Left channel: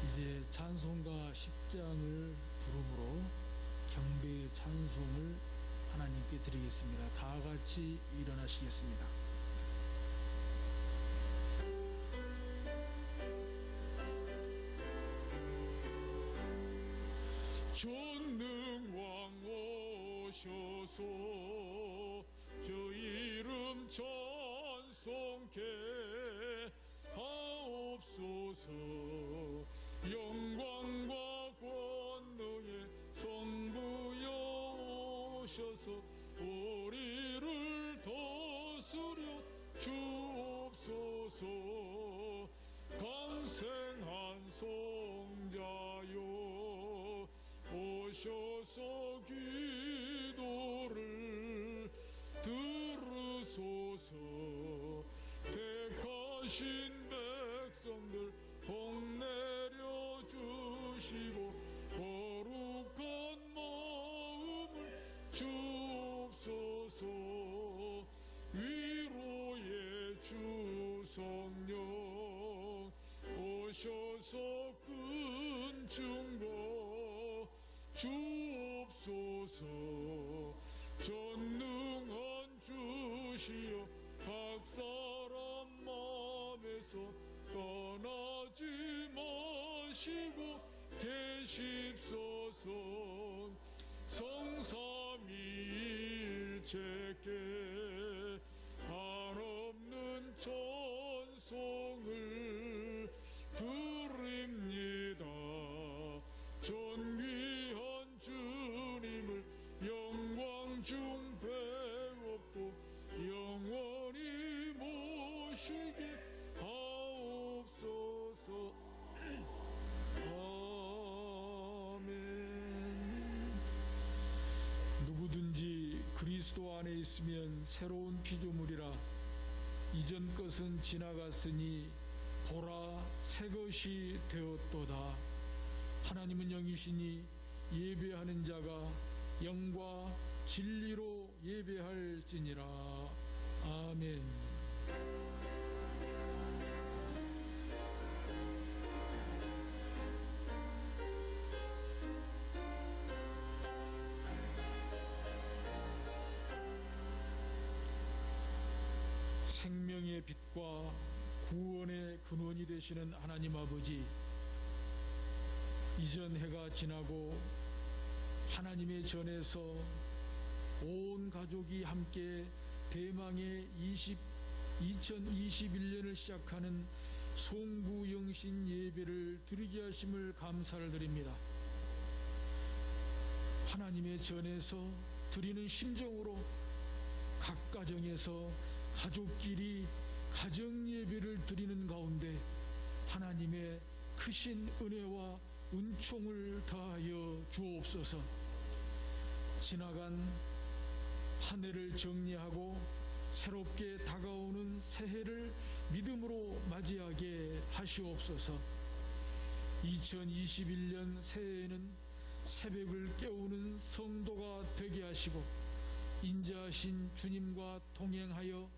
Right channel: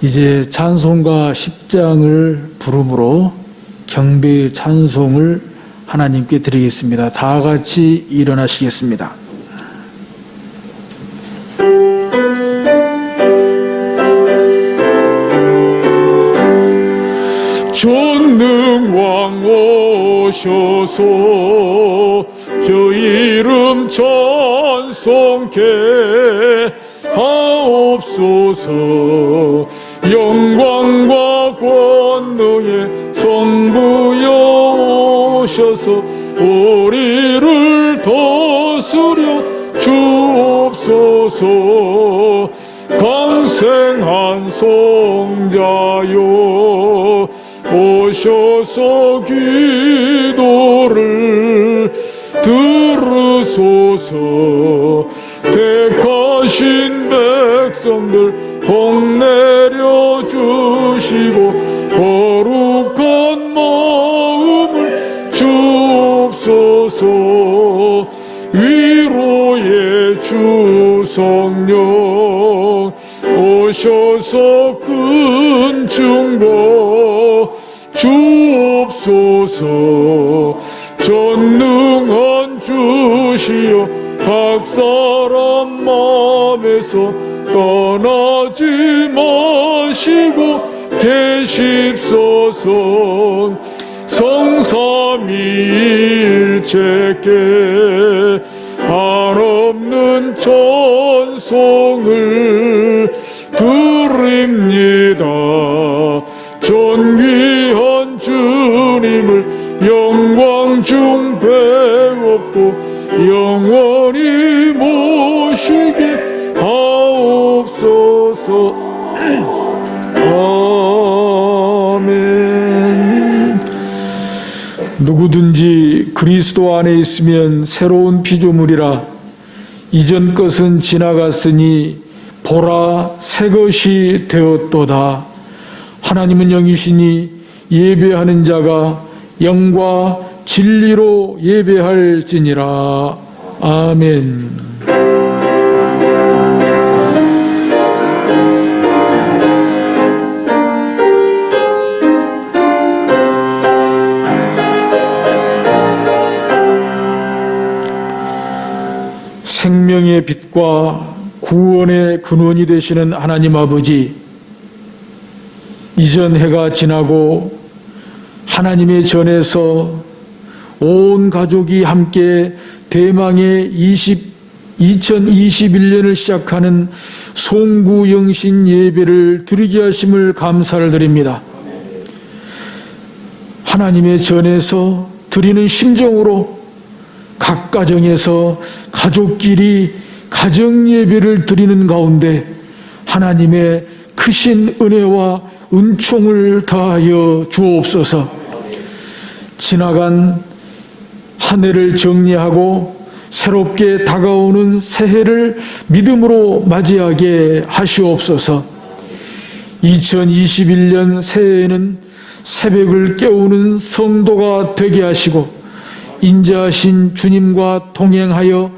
이제 찬송가 10장을 부름으로 경배의 찬송을 하나님께 드리겠습니다. 다 같이 일어나시겠습니다. 전능왕 오셔서 주 이름 찬송케 하옵소서. 영광과 권능의 성부여 오셔서 우리를 다스려 주옵소서. 강생한 성자여 오셔서 기도를 들으소서. 택하신 백성들 복 내려주시고 거룩한 마음을 주옵소서. 위로의 주 성령 오셔서 큰 증거 주옵소서. 전능한 주시여 각 사람 마음에서 떠나지 마시고 계십소서. 성삼위일체께 한없는 찬송을 드립니다. 존귀한 주님을 영광 중 배웠고 영원히 모시게 하옵소서. 아멘. 누구든지 그리스도 안에 있으면 새로운 피조물이라. 이전 것은 지나갔으니 보라 새 것이 되었도다. 하나님은 영이시니 예배하는 자가 영과 진리로 예배할지니라. 아멘. 생명의 빛과 구원의 근원이 되시는 하나님 아버지, 이전 해가 지나고 하나님의 전에서 온 가족이 함께 대망의 2021년을 시작하는 송구영신 예배를 드리게 하심을 감사를 드립니다. 하나님의 전에서 드리는 심정으로 각 가정에서 가족끼리 가정 예배를 드리는 가운데 하나님의 크신 은혜와 은총을 다하여 주옵소서. 지나간 한 해를 정리하고 새롭게 다가오는 새해를 믿음으로 맞이하게 하시옵소서. 2021년 새해에는 새벽을 깨우는 성도가 되게 하시고 인자하신 주님과 동행하여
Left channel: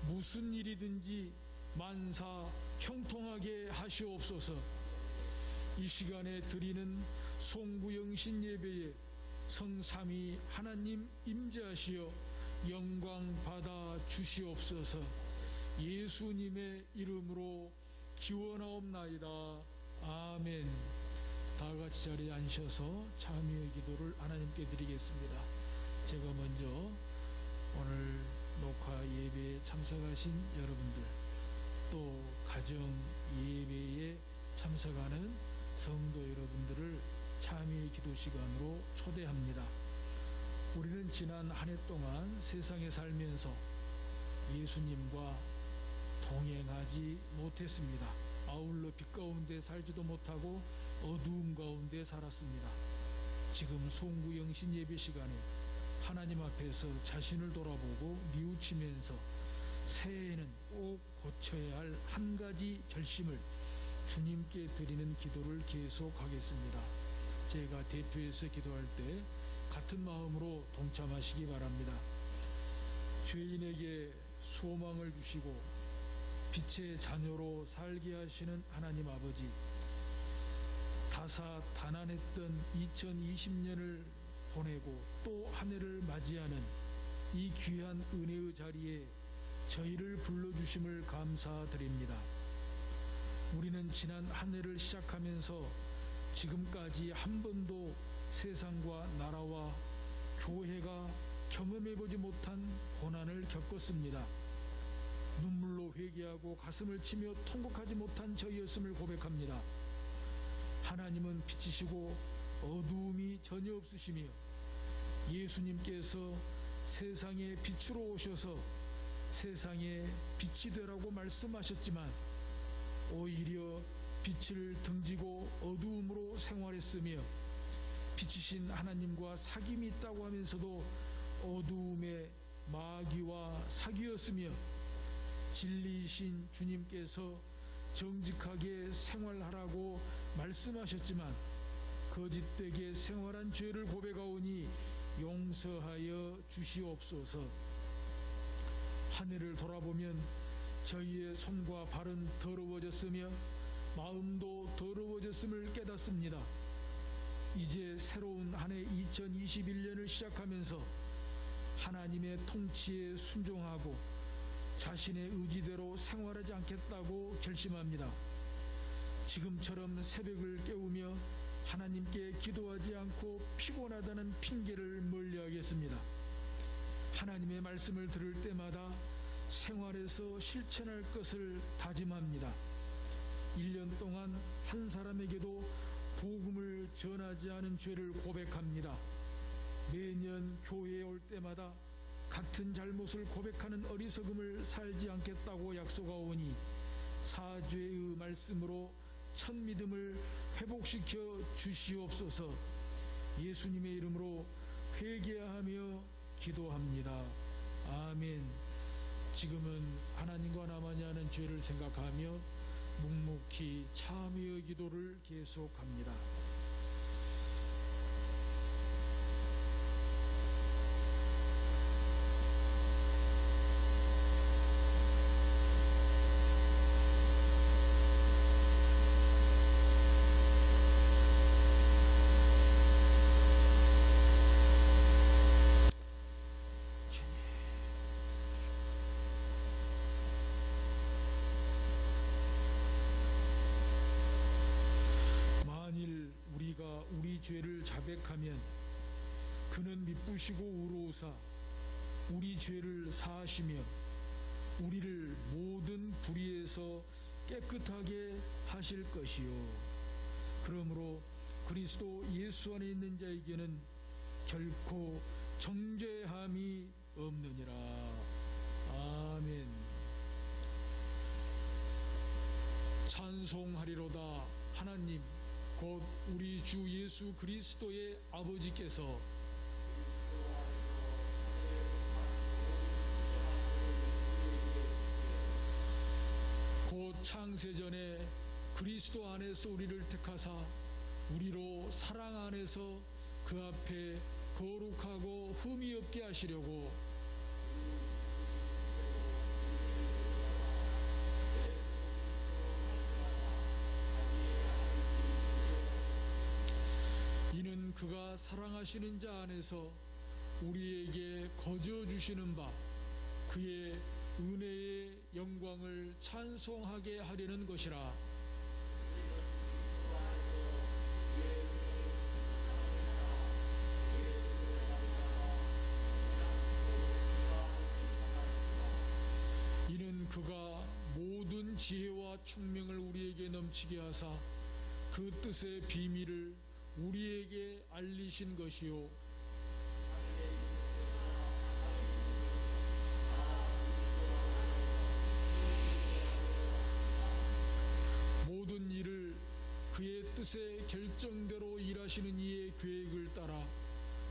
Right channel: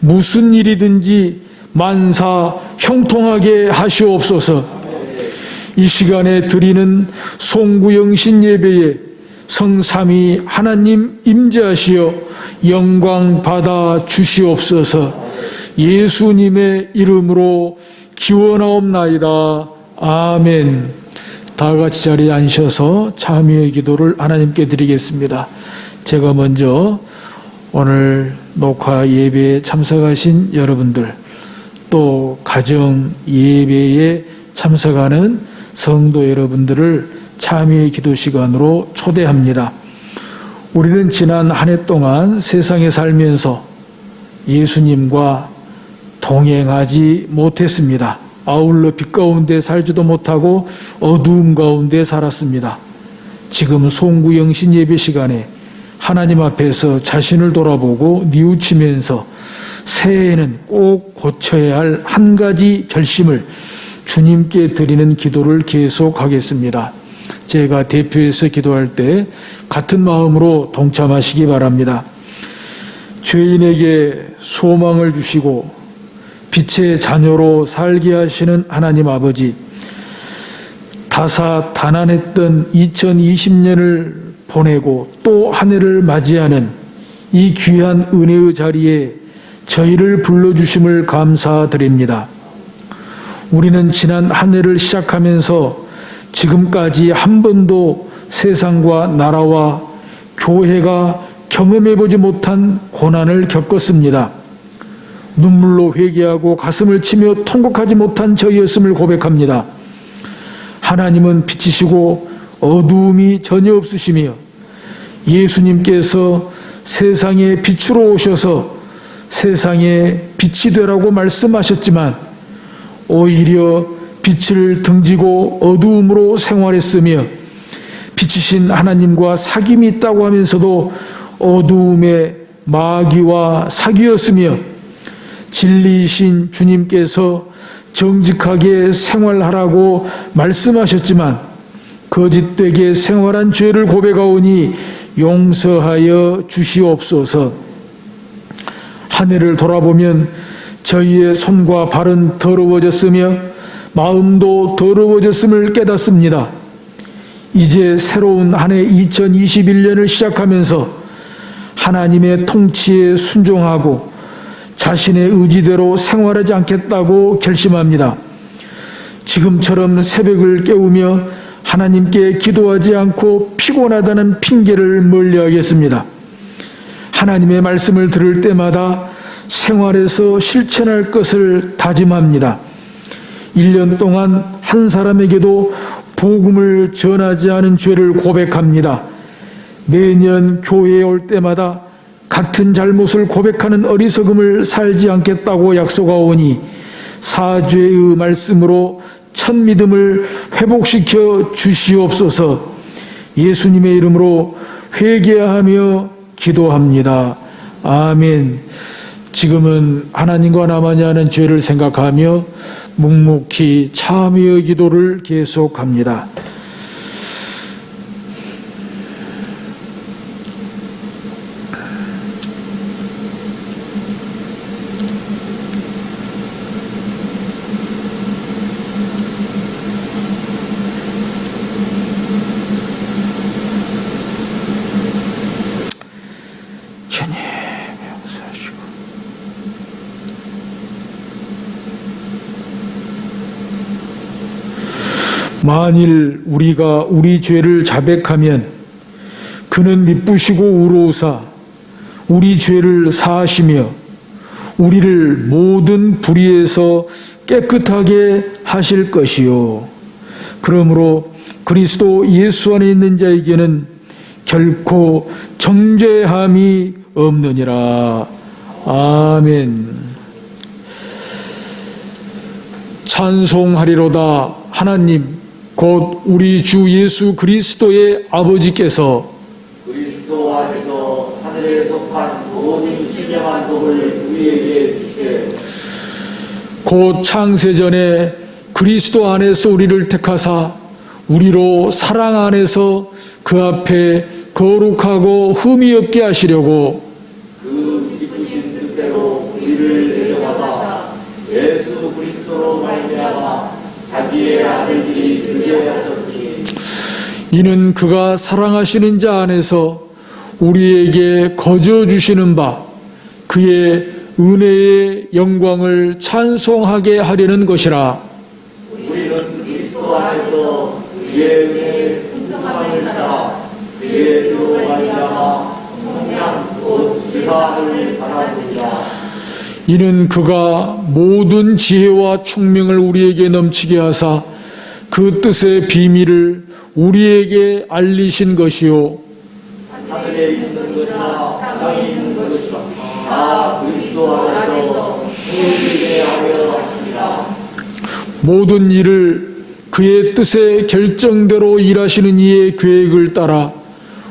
무슨 일이든지 만사 형통하게 하시옵소서. 이 시간에 드리는 송구영신 예배에 성삼위 하나님 임재하시어 영광 받아 주시옵소서. 예수님의 이름으로 기원하옵나이다. 아멘. 다 같이 자리에 앉으셔서 참여의 기도를 하나님께 드리겠습니다. 제가 먼저 오늘 녹화 예배에 참석하신 여러분들, 또 가정 예배에 참석하는 성도 여러분들을 참여의 기도 시간으로 초대합니다. 우리는 지난 한 해 동안 세상에 살면서 예수님과 동행하지 못했습니다. 아울러 빛 가운데 살지도 못하고 어두움 가운데 살았습니다. 지금 송구영신 예배 시간에 하나님 앞에서 자신을 돌아보고 뉘우치면서 새해에는 꼭 고쳐야 할 한 가지 결심을 주님께 드리는 기도를 계속하겠습니다. 제가 대표해서 기도할 때 같은 마음으로 동참하시기 바랍니다. 죄인에게 소망을 주시고 빛의 자녀로 살게 하시는 하나님 아버지, 다사다난했던 2020년을 보내고 또 한 해를 맞이하는 이 귀한 은혜의 자리에 저희를 불러주심을 감사드립니다. 우리는 지난 한 해를 시작하면서 지금까지 한 번도 세상과 나라와 교회가 경험해보지 못한 고난을 겪었습니다. 눈물로 회개하고 가슴을 치며 통곡하지 못한 저희였음을 고백합니다. 하나님은 빛이시고 어두움이 전혀 없으시며 예수님께서 세상의 빛으로 오셔서 세상에 빛이 되라고 말씀하셨지만 오히려 빛을 등지고 어두움으로 생활했으며 빛이신 하나님과 사귐이 있다고 하면서도 어두움의 마귀와 사귀었으며 진리이신 주님께서 정직하게 생활하라고 말씀하셨지만 거짓되게 생활한 죄를 고백하오니 용서하여 주시옵소서. 한 해를 돌아보면 저희의 손과 발은 더러워졌으며 마음도 더러워졌음을 깨닫습니다. 이제 새로운 한 해 2021년을 시작하면서 하나님의 통치에 순종하고 자신의 의지대로 생활하지 않겠다고 결심합니다. 지금처럼 새벽을 깨우며 하나님께 기도하지 않고 피곤하다는 핑계를 멀리하겠습니다. 하나님의 말씀을 들을 때마다 생활에서 실천할 것을 다짐합니다. 1년 동안 한 사람에게도 복음을 전하지 않은 죄를 고백합니다. 매년 교회에 올 때마다 같은 잘못을 고백하는 어리석음을 살지 않겠다고 약속하오니 사죄의 말씀으로 첫 믿음을 회복시켜 주시옵소서. 예수님의 이름으로 회개하며 기도합니다. 아멘. 지금은 하나님과 나만이 하는 죄를 생각하며 묵묵히 참여의 기도를 계속합니다. 주님 용서하시고 만일 우리가 우리 죄를 자백하면 그는 미쁘시고 우로우사 우리 죄를 사하시며 우리를 모든 불의에서 깨끗하게 하실 것이요 그러므로 그리스도 예수 안에 있는 자에게는 결코 정죄함이 없느니라. 아멘. 찬송하리로다. 하나님 곧 우리 주 예수 그리스도의 아버지께서 그리스도 안에서 하늘에 속한 모든 신령한 복을 우리에게 주시되 곧 창세전에 그리스도 안에서 우리를 택하사 우리로 사랑 안에서 그 앞에 거룩하고 흠이 없게 하시려고 그 기쁘신 뜻대로 우리를 데려가사 예수 그리스도로 말미암아 자기의 아들들이 되게 하셨으니 이는 그가 사랑하시는 자 안에서 우리에게 거저 주시는 바 그의 은혜의 영광을 찬송하게 하려는 것이라. 우리는 그리스도 안에서 그의 은혜의 풍성함을 따라 그의 피로 말미암아 성량 곧 지사함을 받았느니라. 이는 그가 모든 지혜와 총명을 우리에게 넘치게 하사 그 뜻의 비밀을 우리에게 알리신 것이요 하늘에 있는 것이나 땅에 있는 것이나 다 그리스도 안에서 통일되게 하려 하십니다. 모든 일을 그의 뜻의 결정대로 일하시는 이의 계획을 따라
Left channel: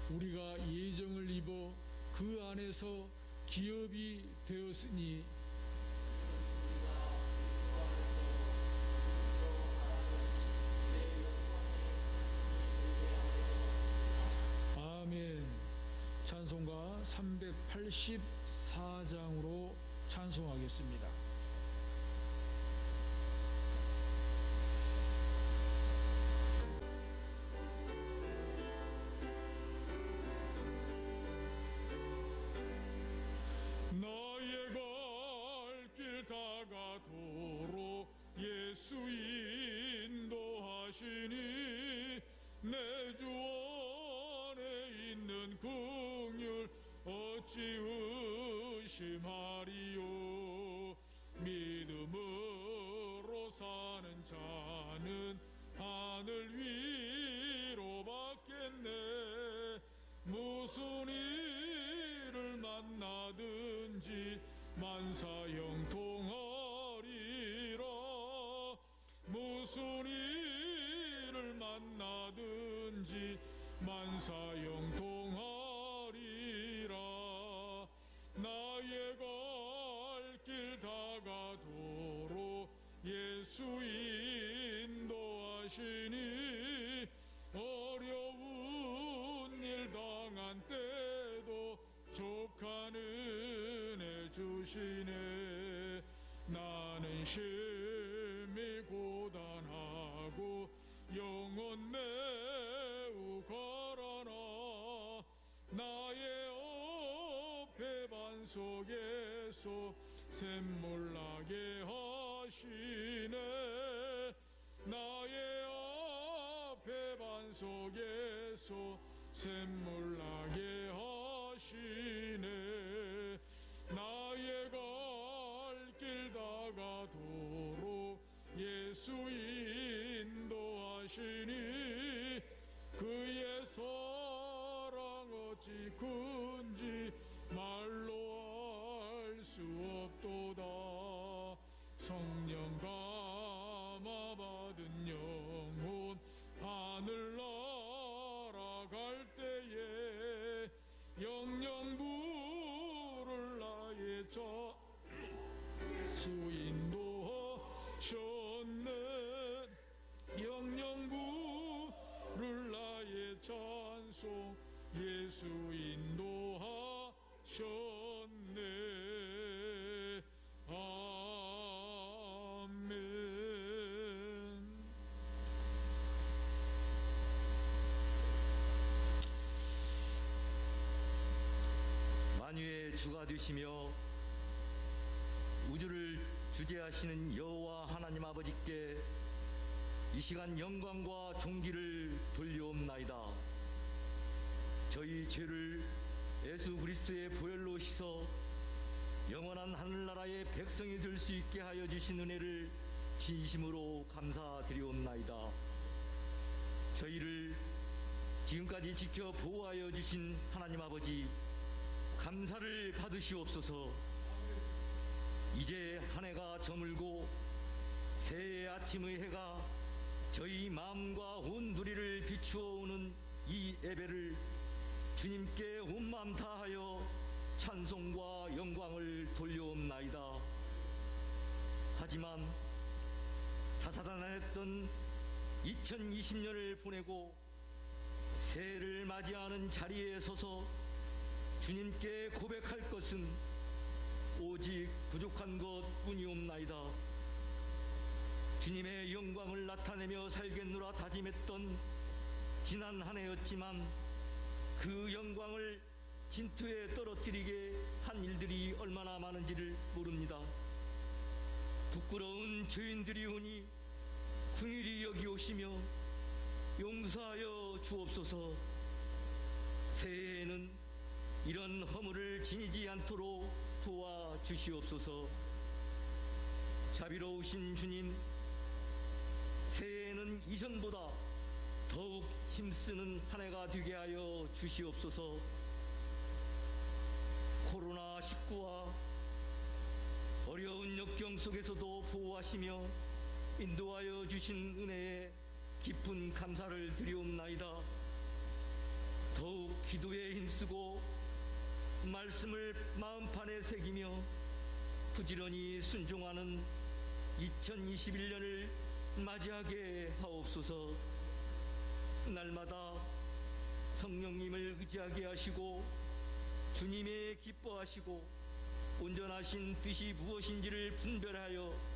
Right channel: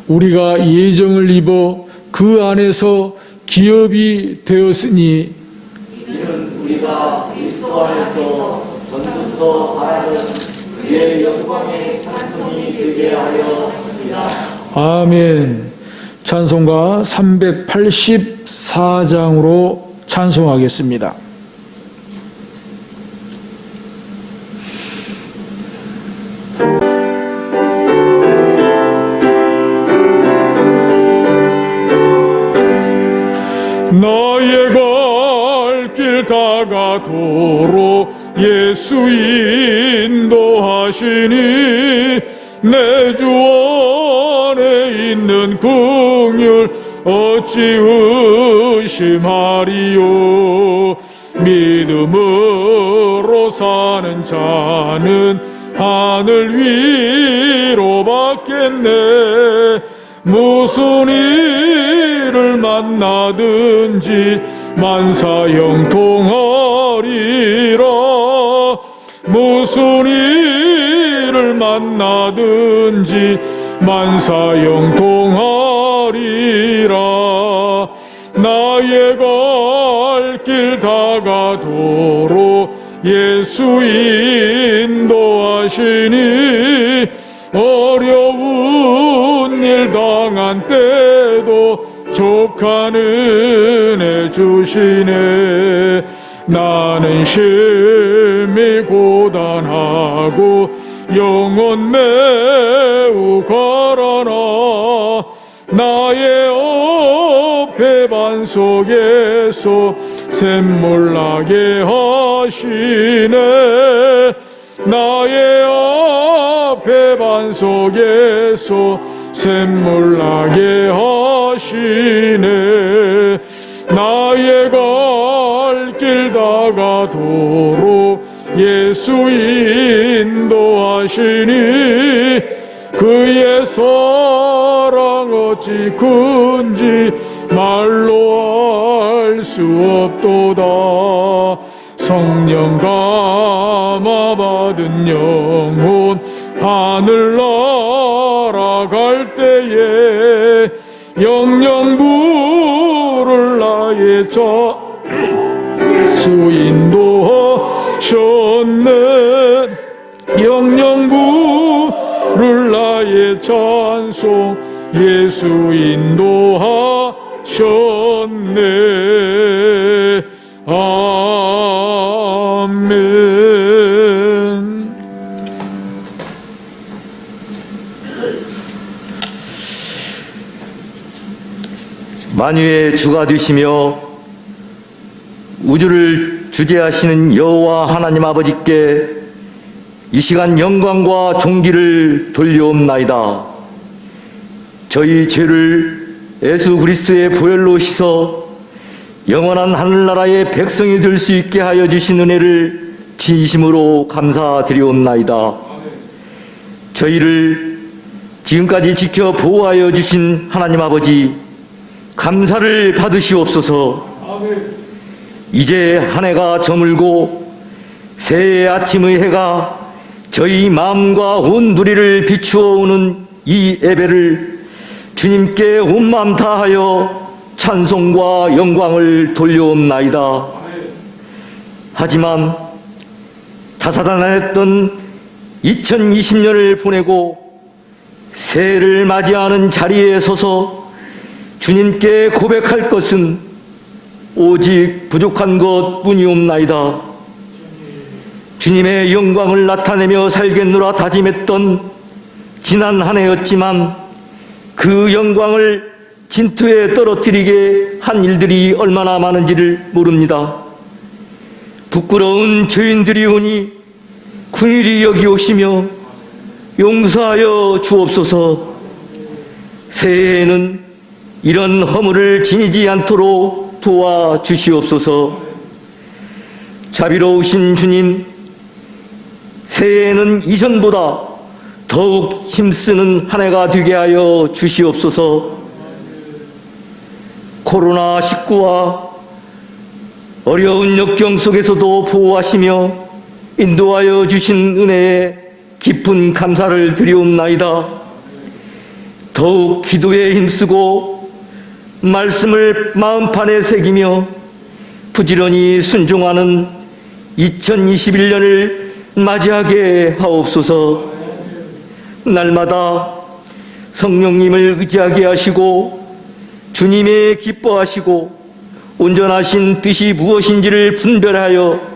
우리가 예정을 입어 그 안에서 기업이 되었으니 이는 우리가 그리스도 안에서 전부터 바라는 그의 영광의 찬송이 되게 하려 하십니다. 아멘. 찬송가 384장으로 찬송하겠습니다. 인도하시니 내 주 안에 있는 긍휼 어찌 의심하리요. 믿음으로 사는 자는 하늘 위로 받겠네. 무슨 일을 만나든지 만사형통하리라. 무슨 일을 만나든지 만사형통하리라. 나의 갈 길 다가도록 예수 인도하시니 어려운 일 당한 때도 족한 은혜 주시네. 나는 심히 고단하고 영혼 매우 가라나 나의 어패반 속에서 샘물 나게 하시네. 나의 어패반 속에서 샘물 나게 하시네. 나의 갈 길 다가도록 예수 인도하시니 그의 사랑 어찌 큰지 말로 알 수 없도다. 성령 감화 받은 영혼 하늘 날아갈 때에 영영 부를 나의 수 인도하셨네. 영영 부를 나의 찬송 예수 인도하셨네. 아멘. 만유의 주가 되시며 우주를 주재하시는 여호와 하나님 아버지께 이 시간 영광과 존귀를 돌려옵나이다. 저희 죄를 예수 그리스도의 보혈로 씻어 영원한 하늘나라의 백성이 될 수 있게 하여 주신 은혜를 진심으로 감사드리옵나이다. 저희를 지금까지 지켜 보호하여 주신 하나님 아버지 감사를 받으시옵소서. 이제 한 해가 저물고 새해 아침의 해가 저희 마음과 온 누리를 비추어 오는 이 예배를 주님께 온 마음 다하여 찬송과 영광을 돌려옵나이다. 하지만 다사다난했던 2020년을 보내고 새해를 맞이하는 자리에 서서 주님께 고백할 것은 오직 부족한 것뿐이옵나이다. 주님의 영광을 나타내며 살겠노라 다짐했던 지난 한 해였지만 그 영광을 진투에 떨어뜨리게 한 일들이 얼마나 많은지를 모릅니다. 부끄러운 죄인들이 오니 긍휼히 여기오시며 용서하여 주옵소서. 새해에는 이런 허물을 지니지 않도록 도와주시옵소서. 자비로우신 주님, 새해에는 이전보다 더욱 힘쓰는 한 해가 되게 하여 주시옵소서. 코로나19와 어려운 역경 속에서도 보호하시며 인도하여 주신 은혜에 깊은 감사를 드리옵나이다. 더욱 기도에 힘쓰고 말씀을 마음판에 새기며 부지런히 순종하는 2021년을 맞이하게 하옵소서. 날마다 성령님을 의지하게 하시고 주님의 기뻐하시고 온전하신 뜻이 무엇인지를 분별하여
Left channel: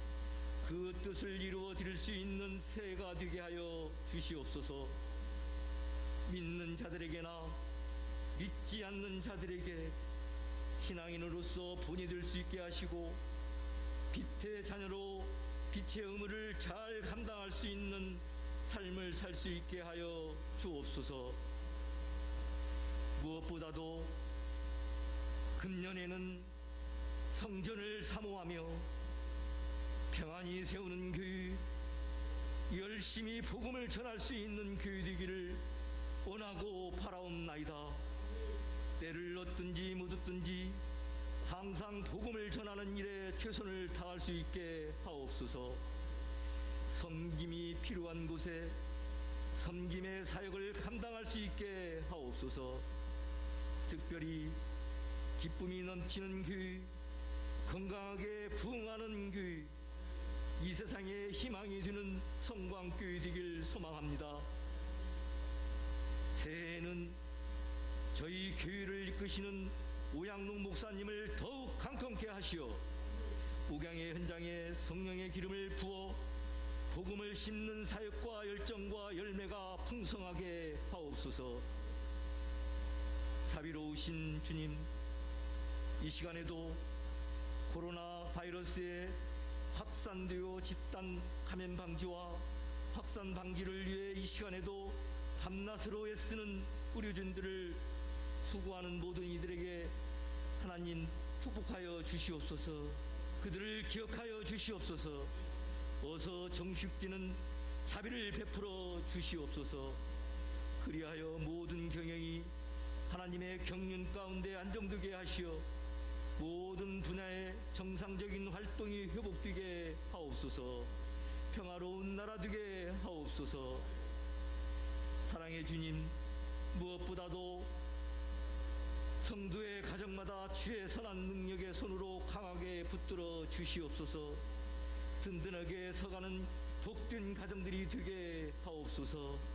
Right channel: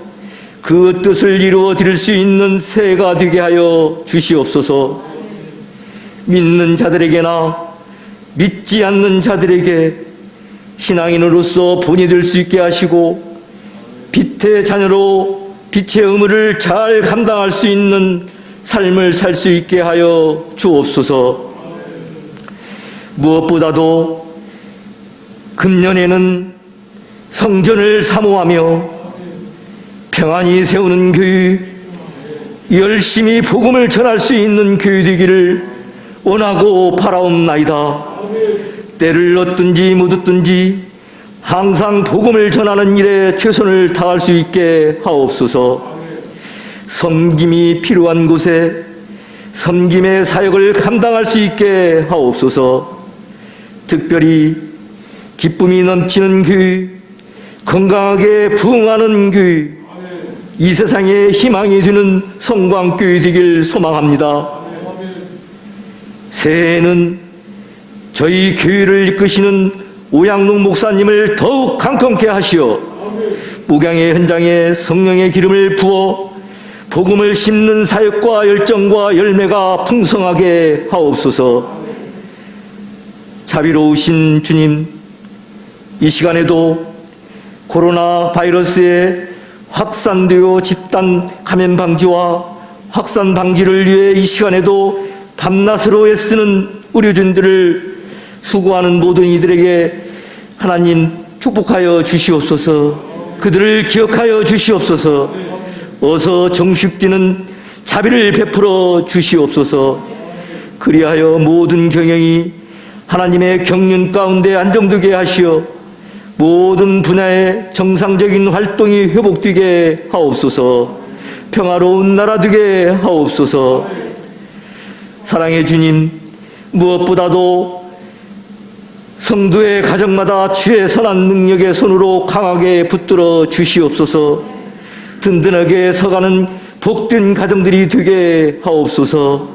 그 뜻을 이루어 드릴 수 있는 새해가 되게 하여 주시옵소서. 믿는 자들에게나 믿지 않는 자들에게 신앙인으로서 본이 될 수 있게 하시고 빛의 자녀로 빛의 의무를 잘 감당할 수 있는 삶을 살 수 있게 하여 주옵소서. 무엇보다도 금년에는 성전을 사모하며 평안히 세우는 교회, 열심히 복음을 전할 수 있는 교회 되기를 원하고 바라옵나이다. 때를 얻든지 못 얻든지 항상 복음을 전하는 일에 최선을 다할 수 있게 하옵소서. 섬김이 필요한 곳에 섬김의 사역을 감당할 수 있게 하옵소서. 특별히 기쁨이 넘치는 교회, 건강하게 부흥하는 교회, 이 세상에 희망이 되는 성광교회 되길 소망합니다. 새해에는 저희 교회를 이끄시는 오양록 목사님을 더욱 강건케 하시어 목양의 현장에 성령의 기름을 부어 복음을 심는 사역과 열정과 열매가 풍성하게 하옵소서. 자비로우신 주님, 이 시간에도 코로나 바이러스의 확산되어 집단 감염 방지와 확산 방지를 위해 이 시간에도 밤낮으로 애쓰는 의료진들을 수고하는 모든 이들에게 하나님 축복하여 주시옵소서. 그들을 기억하여 주시옵소서. 어서 정숙되는 자비를 베풀어 주시옵소서. 그리하여 모든 경영이 하나님의 경륜 가운데 안정되게 하시어 모든 분야의 정상적인 활동이 회복되게 하옵소서. 평화로운 나라 되게 하옵소서. 사랑의 주님, 무엇보다도 성도의 가정마다 주의 선한 능력의 손으로 강하게 붙들어 주시옵소서. 든든하게 서가는 복된 가정들이 되게 하옵소서.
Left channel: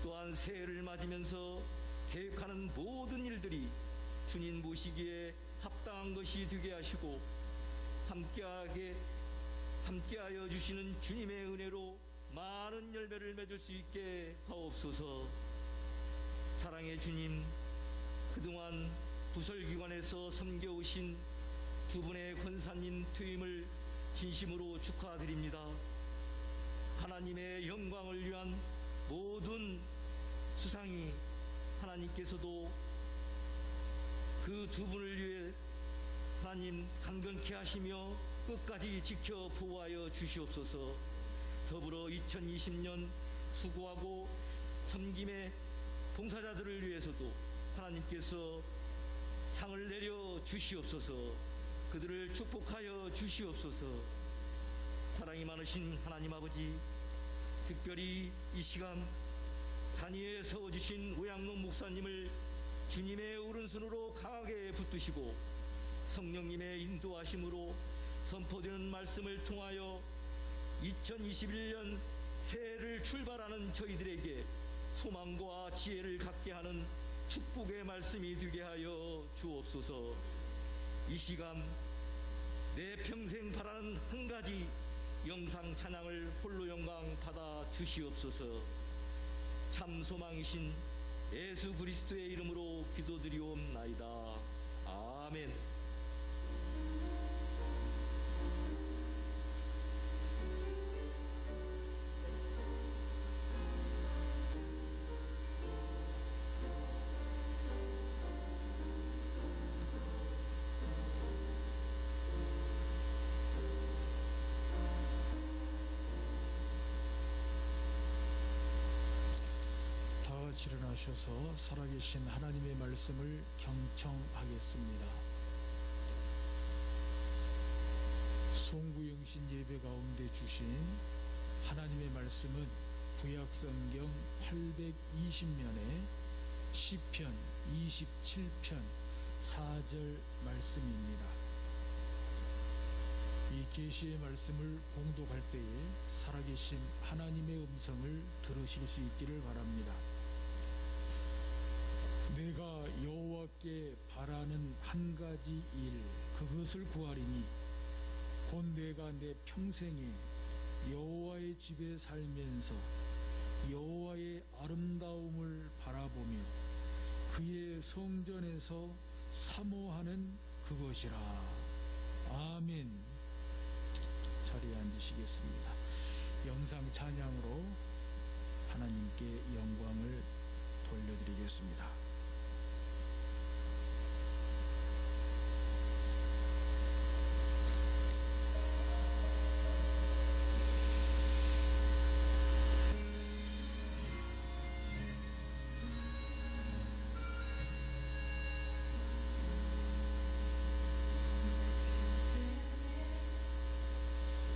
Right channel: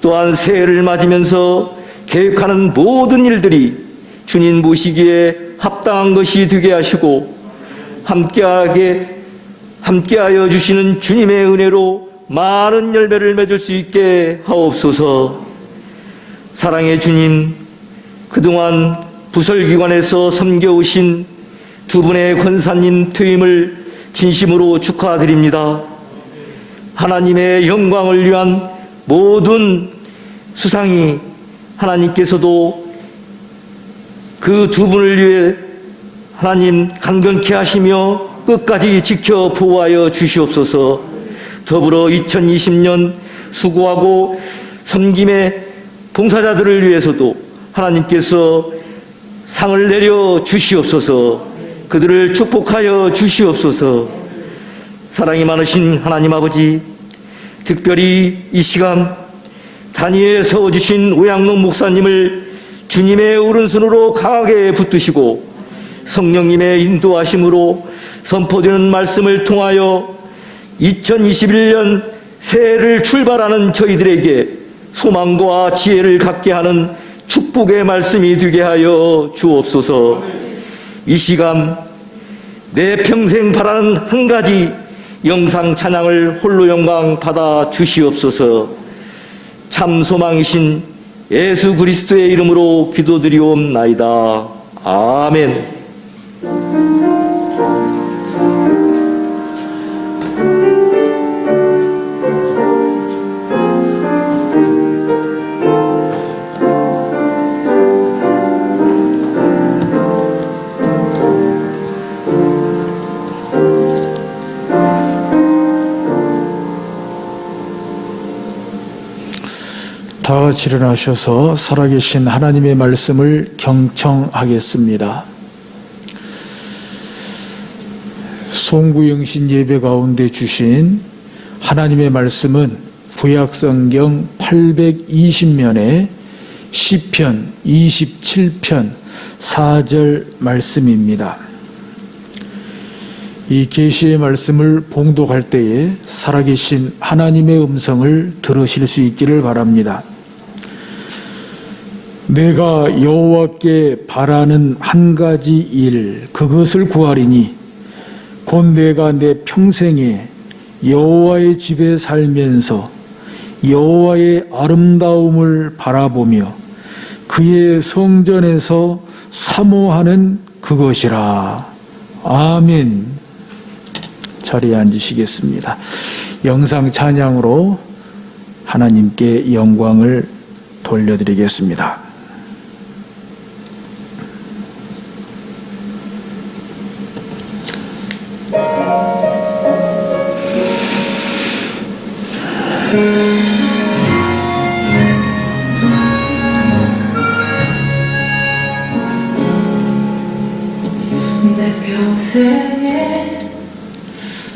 또한 새해를 맞으면서 계획하는 모든 일들이 주님 모시기에 합당한 것이 되게 하시고 함께하여 주시는 주님의 은혜로 많은 열매를 맺을 수 있게 하옵소서. 사랑의 주님, 그동안 부설기관에서 섬겨오신 두 분의 권사님 퇴임을 진심으로 축하드립니다. 하나님의 영광을 위한 모든 수상이 하나님께서도 그 두 분을 위해 하나님 간경케 하시며 끝까지 지켜 보호하여 주시옵소서. 더불어 2020년 수고하고 섬김의 봉사자들을 위해서도 하나님께서 상을 내려 주시옵소서. 그들을 축복하여 주시옵소서. 사랑이 많으신 하나님 아버지, 특별히 이 시간 단위에 세워주신 오양록 목사님을 주님의 오른손으로 강하게 붙드시고 성령님의 인도하심으로 선포되는 말씀을 통하여 2021년 새해를 출발하는 저희들에게 소망과 지혜를 갖게 하는 축복의 말씀이 되게 하여 주옵소서. 이 시간 내 평생 바라는 한 가지 영상 찬양을 홀로 영광 받아 주시옵소서. 참 소망이신 예수 그리스도의 이름으로 기도드리옵나이다. 아멘. 다 같이 일어나셔서 살아계신 하나님의 말씀을 경청하겠습니다. 송구영신 예배 가운데 주신 하나님의 말씀은 구약성경 820면에 시편 27편 4절 말씀입니다. 이 계시의 말씀을 봉독할 때에 살아계신 하나님의 음성을 들으실 수 있기를 바랍니다. 내가 여호와께 바라는 한 가지 일, 그것을 구하리니 곧 내가 내 평생에 여호와의 집에 살면서 여호와의 아름다움을 바라보며 그의 성전에서 사모하는 그것이라. 아멘. 자리에 앉으시겠습니다. 영상 찬양으로 하나님께 영광을 돌려드리겠습니다. 내 평생에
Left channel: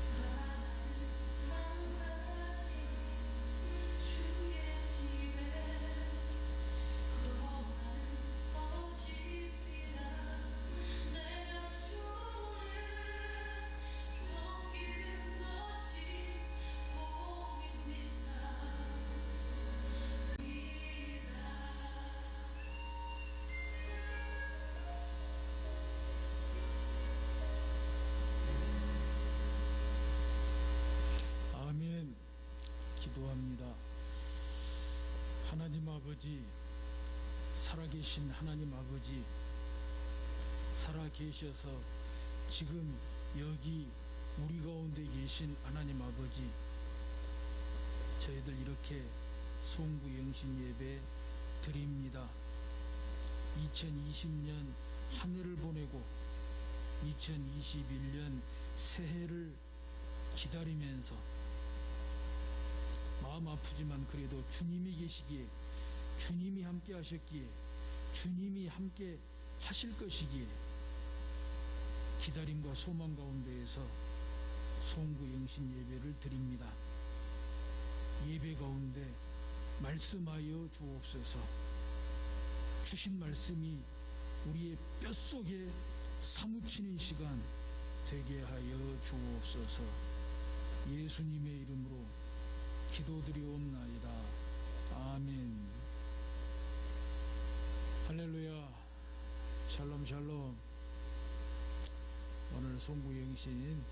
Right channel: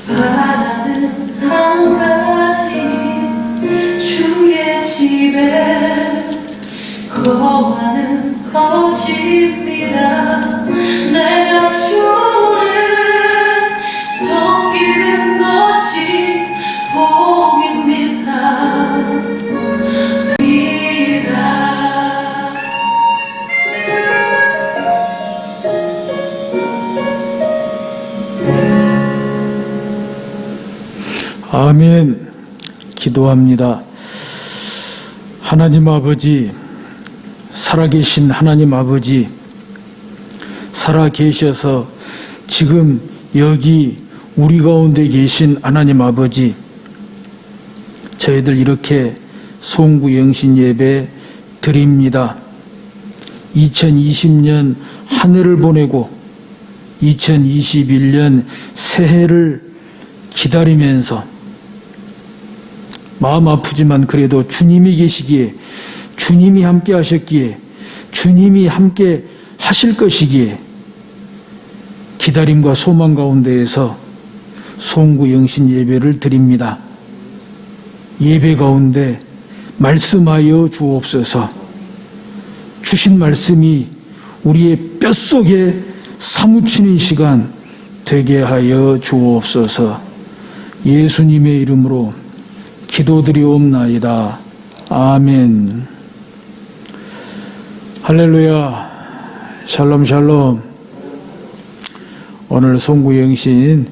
바라는 한 가지 주의 집에 거하는 것입니다. 내가 주를 섬기는 것이 복입니다. 아멘. 기도합니다. 하나님 아버지, 살아계신 하나님 아버지, 살아계셔서 지금 여기 우리 가운데 계신 하나님 아버지, 저희들 이렇게 송구 영신 예배 드립니다. 2020년 한 해를 보내고 2021년 새해를 기다리면서 마음 아프지만 그래도 주님이 계시기에, 주님이 함께 하셨기에, 주님이 함께 하실 것이기에 기다림과 소망 가운데에서 송구 영신 예배를 드립니다. 예배 가운데 말씀하여 주옵소서. 주신 말씀이 우리의 뼛속에 사무치는 시간 되게 하여 주옵소서. 예수님의 이름으로 기도드리옵나이다. 아멘. 할렐루야. 샬롬 샬롬. 오늘 송구영신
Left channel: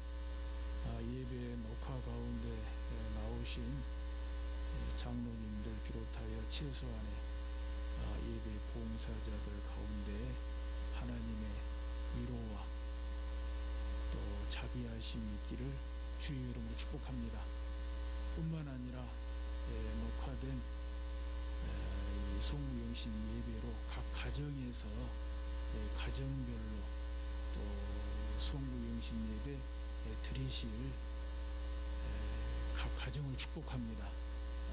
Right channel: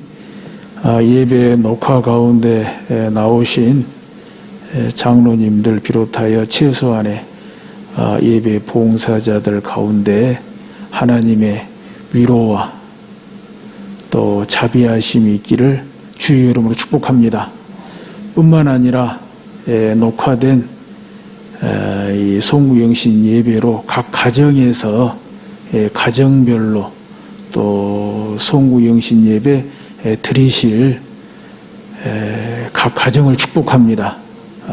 예배 녹화 가운데 나오신 장로님들 비롯하여 최소한의 예배 봉사자들 가운데 하나님의 위로와 또 자비하심이 있기를 주의 이름으로 축복합니다. 뿐만 아니라 녹화된 이 송구영신 예배로 각 가정에서 가정별로 또 송구영신 예배 드리실 각 가정을 축복합니다.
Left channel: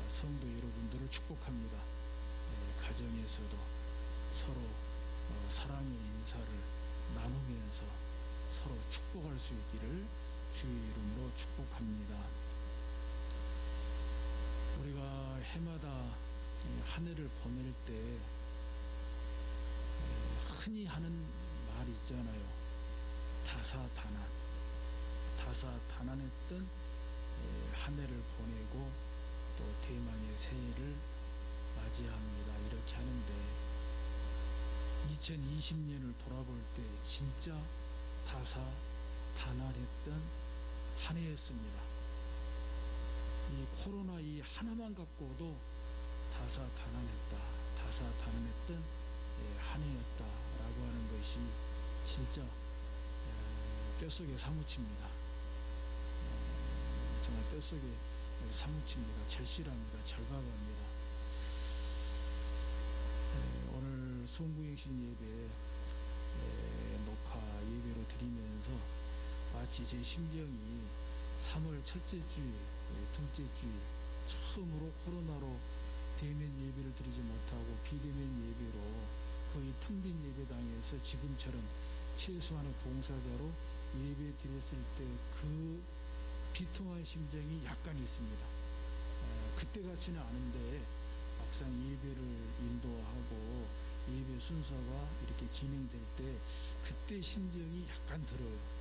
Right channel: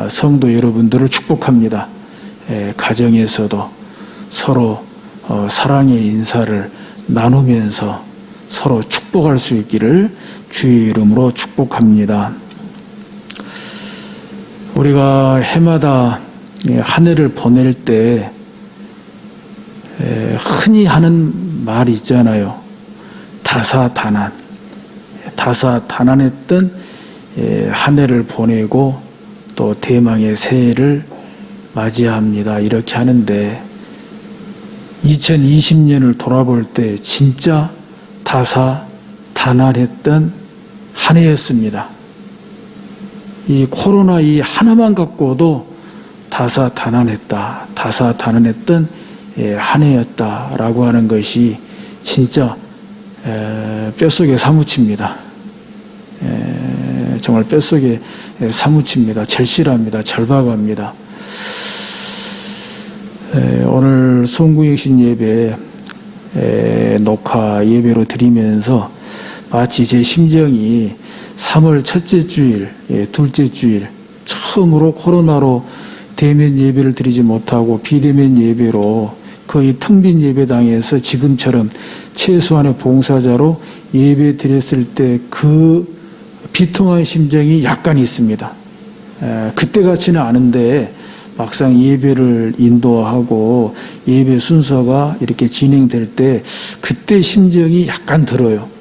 성도 여러분들을 축복합니다. 가정에서도 서로 사랑의 인사를 나누면서 서로 축복할 수 있기를 주의 이름으로 축복합니다. 우리가 해마다 한 해를 보낼 때 흔히 하는 말이 있잖아요. 다사다난. 다사다난했던 한 해를 보내고 또 대망의 새해를 맞이합니다. 이렇게 하는데 2020년을 돌아볼 때 진짜 다사다난했던 한 해였습니다. 이 코로나 이 하나만 갖고도 다사다난했던 한 해였다라고 하는 것이 진짜 뼛속에 사무칩니다. 정말 뼛속에 사무칩니다. 절실합니다. 절박합니다. 오늘 송구영신 예배 녹화 예배로 드리면서 마치 제 심정이 3월 첫째 주일, 둘째 주일 처음으로 코로나로 대면 예배를 드리지 못하고 비대면 예배로 거의 텅 빈 예배당에서 지금처럼 최소한의 봉사자로 예배 드렸을 때 그 비통한 심정이 약간 있습니다. 그때 같지는 않은데 막상 예배를 인도하고 예배 순서가 이렇게 진행될 때 그때 심정이 약간 들어요.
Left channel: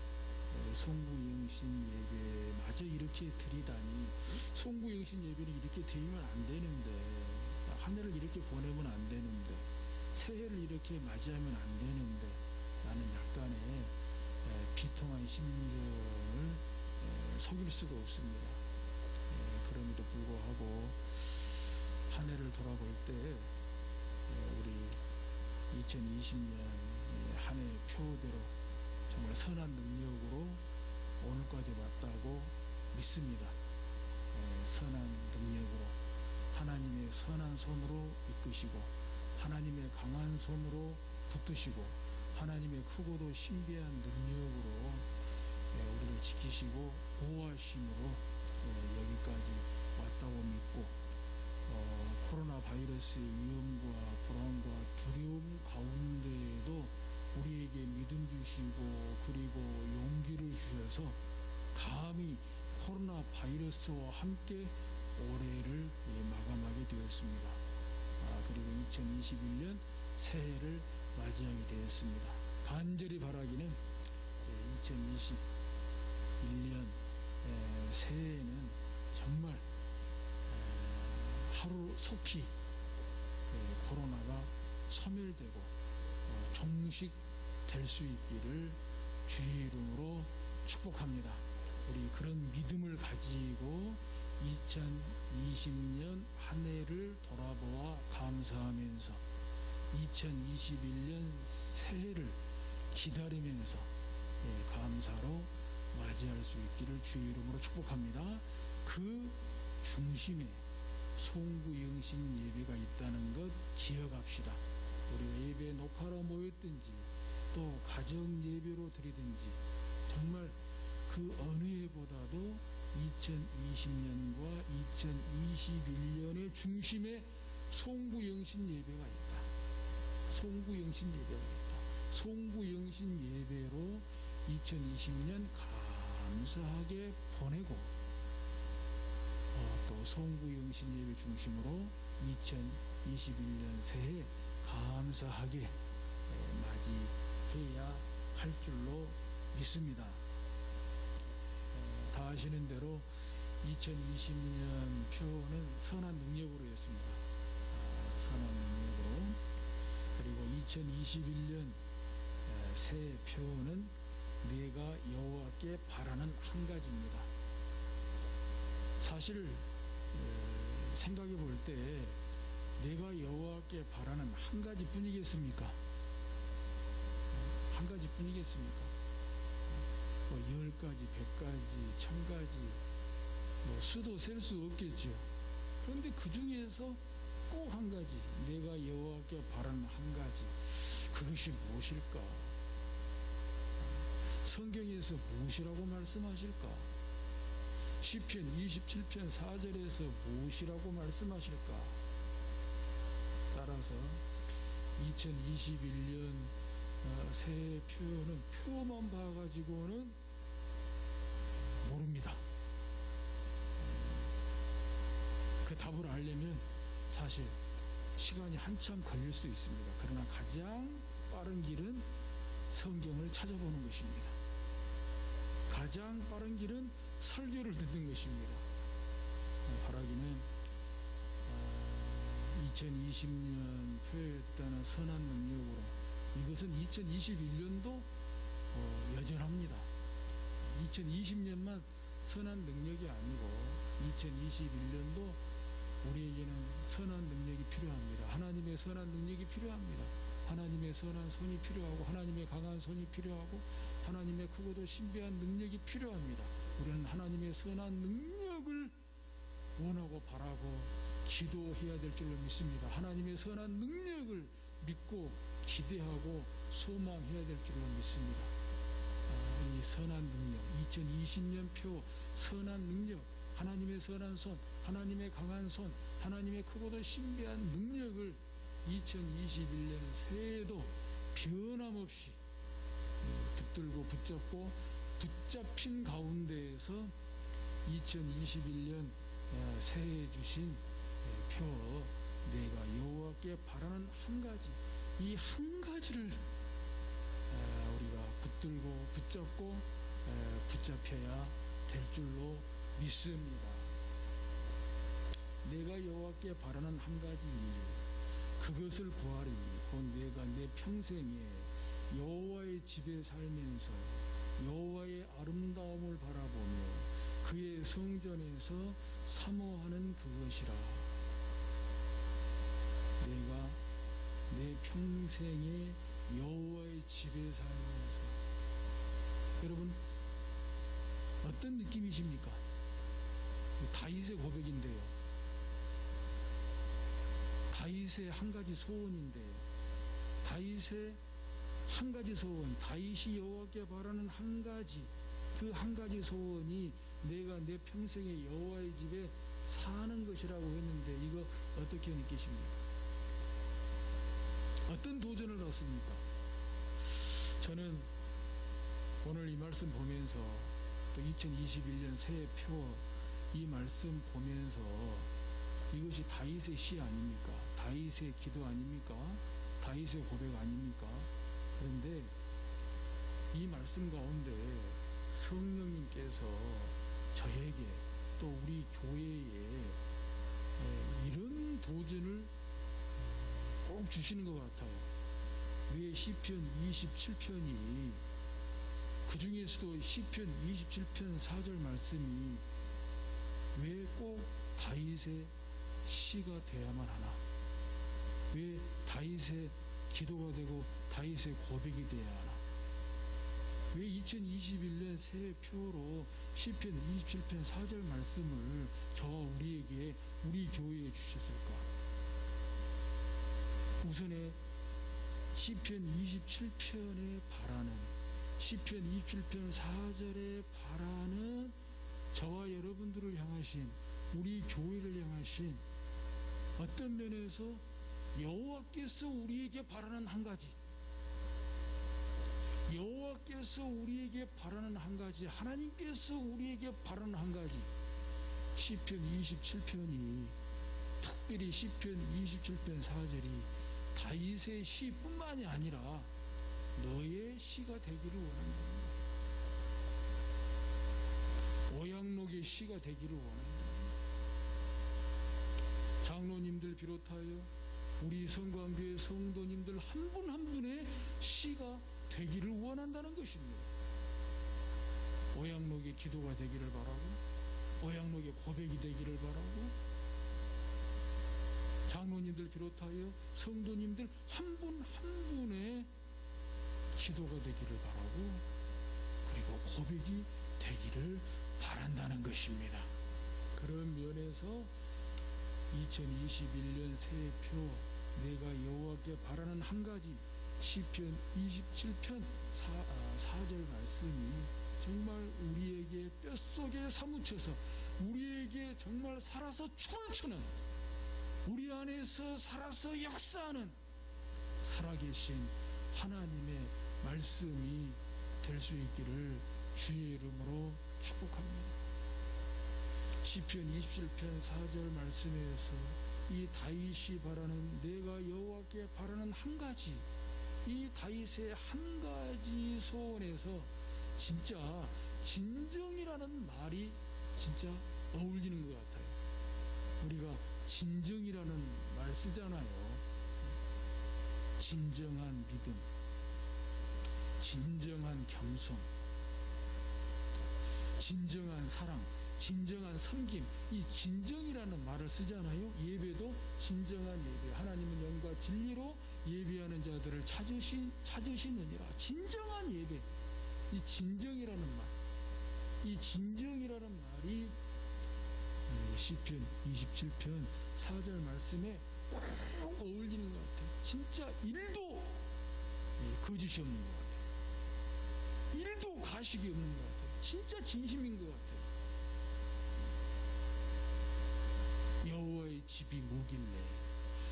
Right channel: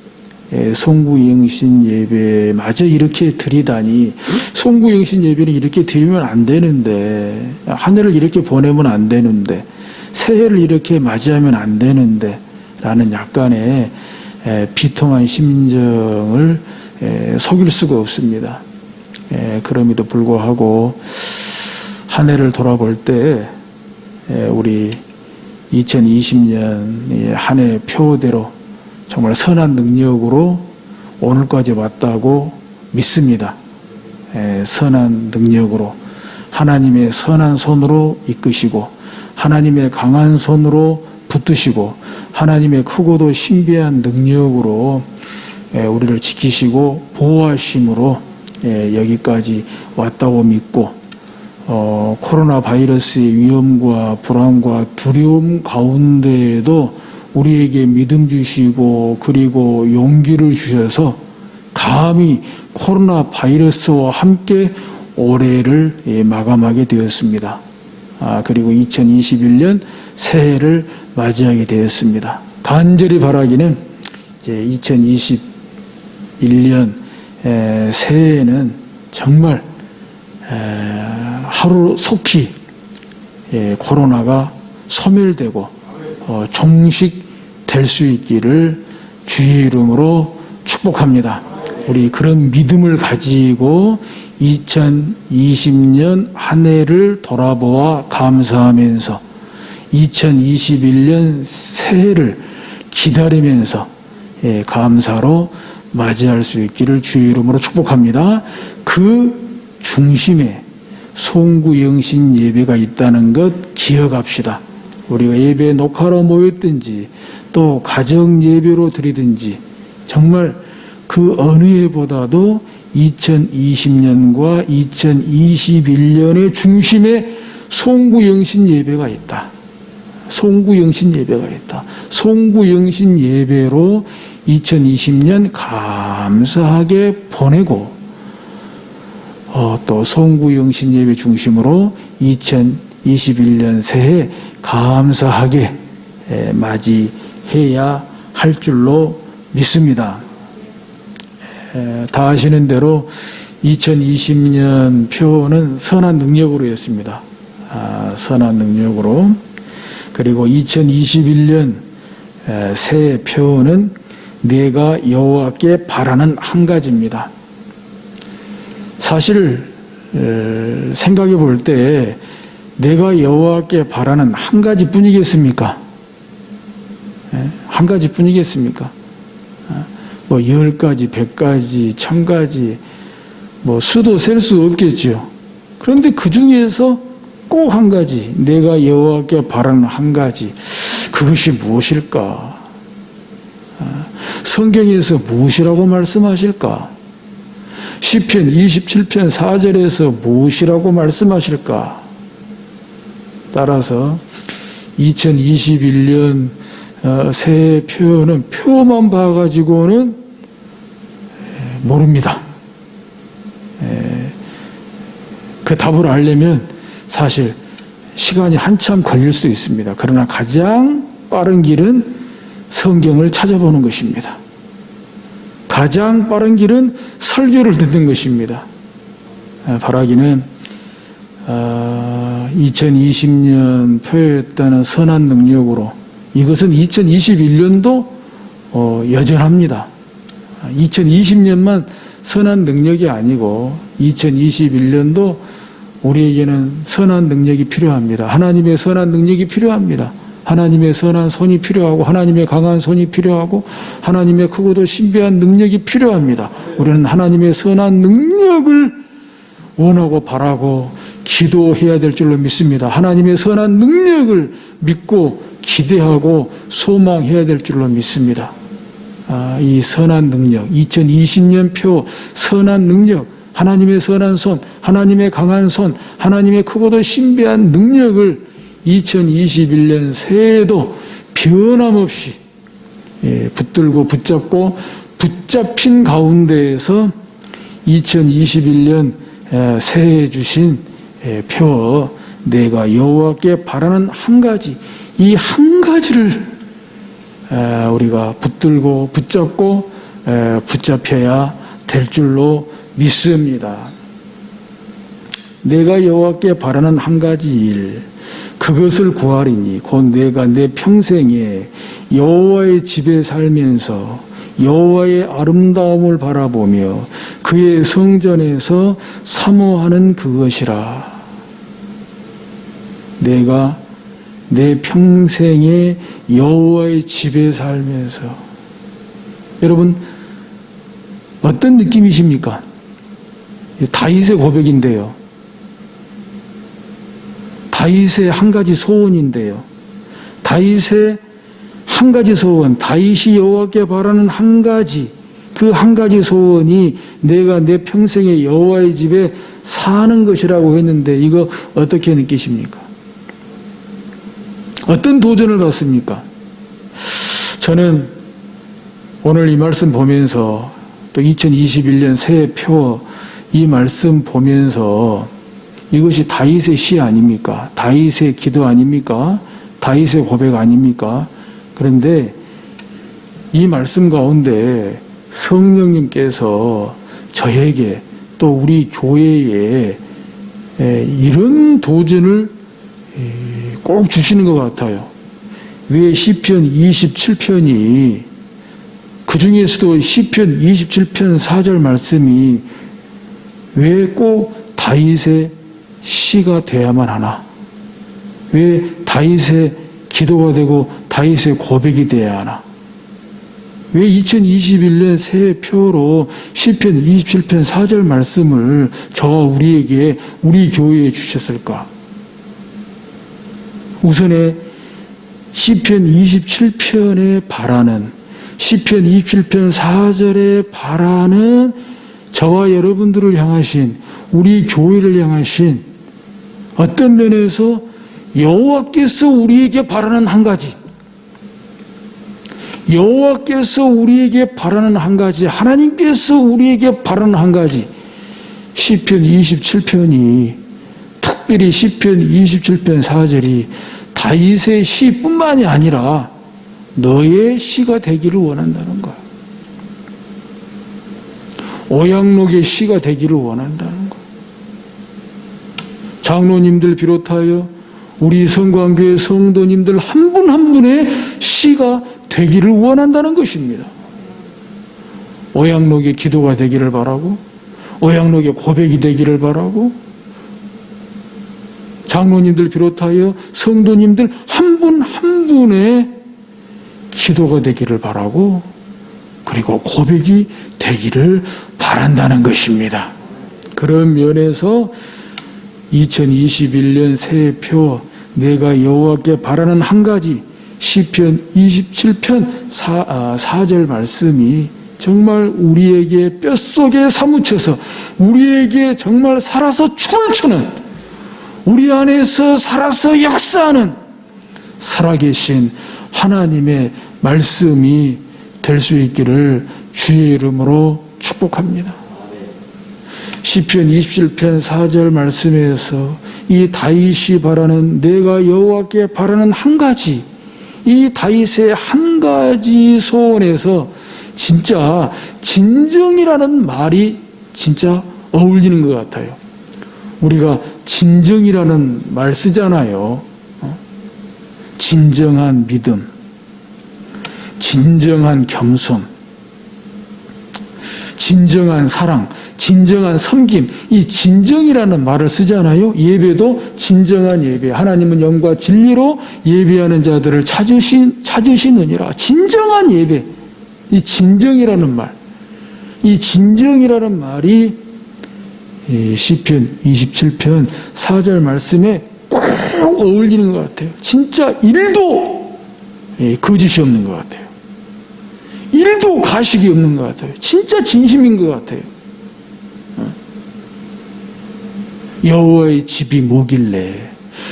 송구영신 예배마저 이렇게 드리다니, 송구영신 예배는 이렇게 드리면 안 되는데, 한 해를 이렇게 보내면 안 되는데, 새해를 이렇게 맞이하면 안 되는데 라는 약간의 비통한 심정을 속일 수가 없습니다. 그럼에도 불구하고 한 해를 돌아볼 때 우리 2020년 한 해 표대로 정말 선한 능력으로 오늘까지 왔다고 믿습니다. 선한 능력으로 하나님의 선한 손으로 이끄시고 하나님의 강한 손으로 붙드시고 하나님의 크고도 신비한 능력으로 우리를 지키시고 보호하심으로 여기까지 왔다고 믿고 코로나 바이러스의 위험과 불안과 두려움 가운데에도 우리에게 믿음 주시고 그리고 용기를 주셔서 감히 코로나 바이러스와 함께 올해를 마감하게 되었습니다. 그리고 2021년 새해를 맞이하게 되었습니다. 간절히 바라기는 이제 2021년 새해에는 정말 하루 속히 코로나가 소멸되고 종식될 수 있기를 주의 이름으로 축복합니다. 우리 그런 믿음을 가지고 2020년 한 해를 돌아보아 감사하면서 2021년 새해를 기다리면서 감사로 맞이할 수 있기를 주의 이름으로 축복합니다. 그 중심에 송구영신 예배가 있다는 것 기억합시다. 우리가 예배 녹화로 모였든지 또 가정 예배로 드리든지 정말 그 어느 해보다도 2020년과 2021년의 중심에 송구영신 예배가 있다. 송구영신 예배가 있다. 송구영신 예배로 2020년 감사하게 보내고 또 송구영신 예배 중심으로 2021년 새해 감사하게 맞이해야 할 줄로 믿습니다. 다 아시는 대로 2020년 표는 선한 능력으로였습니다. 선한 능력으로. 그리고 2021년 새해 표는 내가 여호와께 바라는 한 가지입니다. 사실 생각해 볼 때 내가 여호와께 바라는 한 가지뿐이겠습니까? 한 가지뿐이겠습니까? 뭐 10가지, 100가지, 1000가지 뭐 수도 셀 수 없겠죠. 그런데 그 중에서 꼭 한 가지, 내가 여호와께 바라는 한 가지, 그것이 무엇일까? 성경에서 무엇이라고 말씀하실까? 시편 27편 4절에서 무엇이라고 말씀하실까? 따라서 2021년 새해 표는 표만 봐가지고는 모릅니다. 그 답을 알려면 사실 시간이 한참 걸릴 수도 있습니다. 그러나 가장 빠른 길은 성경을 찾아보는 것입니다. 가장 빠른 길은 설교를 듣는 것입니다. 바라기는 2020년 표였다는 선한 능력으로 이것은 2021년도 여전합니다. 2020년만 선한 능력이 아니고 2021년도 우리에게는 선한 능력이 필요합니다. 하나님의 선한 능력이 필요합니다. 하나님의 선한 손이 필요하고 하나님의 강한 손이 필요하고 하나님의 크고도 신비한 능력이 필요합니다. 우리는 하나님의 선한 능력을 원하고 바라고 기도해야 될 줄로 믿습니다. 하나님의 선한 능력을 믿고 기대하고 소망해야 될 줄로 믿습니다. 이 선한 능력, 2020년 표 선한 능력, 하나님의 선한 손, 하나님의 강한 손, 하나님의 크고도 신비한 능력을 2021년 새해에도 변함없이 붙들고 붙잡고 붙잡힌 가운데에서 2021년 새해에 주신 표 내가 여호와께 바라는 한 가지, 이 한 가지를 우리가 붙들고 붙잡고 붙잡혀야 될 줄로 믿습니다. 내가 여호와께 바라는 한 가지 일, 그것을 구하리니 곧 내가 내 평생에 여호와의 집에 살면서 여호와의 아름다움을 바라보며 그의 성전에서 사모하는 그것이라. 내가 내 평생에 여호와의 집에 살면서, 여러분 어떤 느낌이십니까? 다윗의 고백인데요. 다윗의 한 가지 소원인데요. 다윗의 한 가지 소원, 다윗이 여호와께 바라는 한 가지, 그 한 가지 소원이 내가 내 평생에 여호와의 집에 사는 것이라고 했는데 이거 어떻게 느끼십니까? 어떤 도전을 받습니까? 저는 오늘 이 말씀 보면서 또 2021년 새해표 이 말씀 보면서 이것이 다윗의 시 아닙니까? 다윗의 기도 아닙니까? 다윗의 고백 아닙니까? 그런데 이 말씀 가운데 성령님께서 저에게 또 우리 교회에 이런 도전을 꼭 주시는 것 같아요. 왜 시편 27편이 그 중에서도 시편 27편 4절 말씀이 왜 꼭 다윗의 시가 돼야만 하나? 왜 다윗의 기도가 되고 다윗의 고백이 돼야 하나? 왜 2021년 새해표로 시편 27편 4절 말씀을 저와 우리에게 우리 교회에 주셨을까? 우선에 시편 27편에 바라는 시편 27편 4절에 바라는 저와 여러분들을 향하신 우리 교회를 향하신 어떤 면에서 여호와께서 우리에게 바라는 한 가지, 여호와께서 우리에게 바라는 한 가지, 하나님께서 우리에게 바라는 한 가지, 시편 27편이 특별히 시편 27편 4절이 다윗의 시뿐만이 아니라 너의 시가 되기를 원한다는 거야. 오양록의 시가 되기를 원한다는 거야. 장로님들 비롯하여 우리 성광교회 성도님들 한 분 한 분의 시가 되기를 원한다는 것입니다. 오양록의 기도가 되기를 바라고, 오양록의 고백이 되기를 바라고, 장로님들 비롯하여 성도님들 한 분 한 분의 기도가 되기를 바라고, 그리고 고백이 되기를 바란다는 것입니다. 그런 면에서 2021년 새해표 내가 여호와께 바라는 한 가지 시편 27편 4절 말씀이 정말 우리에게 뼛속에 사무쳐서 우리에게 정말 살아서 춤을 추는, 우리 안에서 살아서 역사하는 살아계신 하나님의 말씀이 될 수 있기를 주의 이름으로 축복합니다. 시편 27편 4절 말씀에서 이 다윗이 바라는, 내가 여호와께 바라는 한 가지, 이 다윗의 한 가지 소원에서 진짜 진정이라는 말이 진짜 어울리는 것 같아요. 우리가 진정이라는 말 쓰잖아요. 진정한 믿음, 진정한 겸손, 진정한 사랑, 진정한 섬김, 이 진정이라는 말을 쓰잖아요. 예배도 진정한 예배, 하나님은 영과 진리로 예배하는 자들을 찾으시느니라. 진정한 예배, 이 진정이라는 말, 이 진정이라는 말이 시편 27편 4절 말씀에 꼭 어울리는 것 같아요. 진짜 1도 거짓이 없는 것 같아요. 1도 가식이 없는 것 같아요. 진짜 진심인 것 같아요. 여호와의 집이 뭐길래,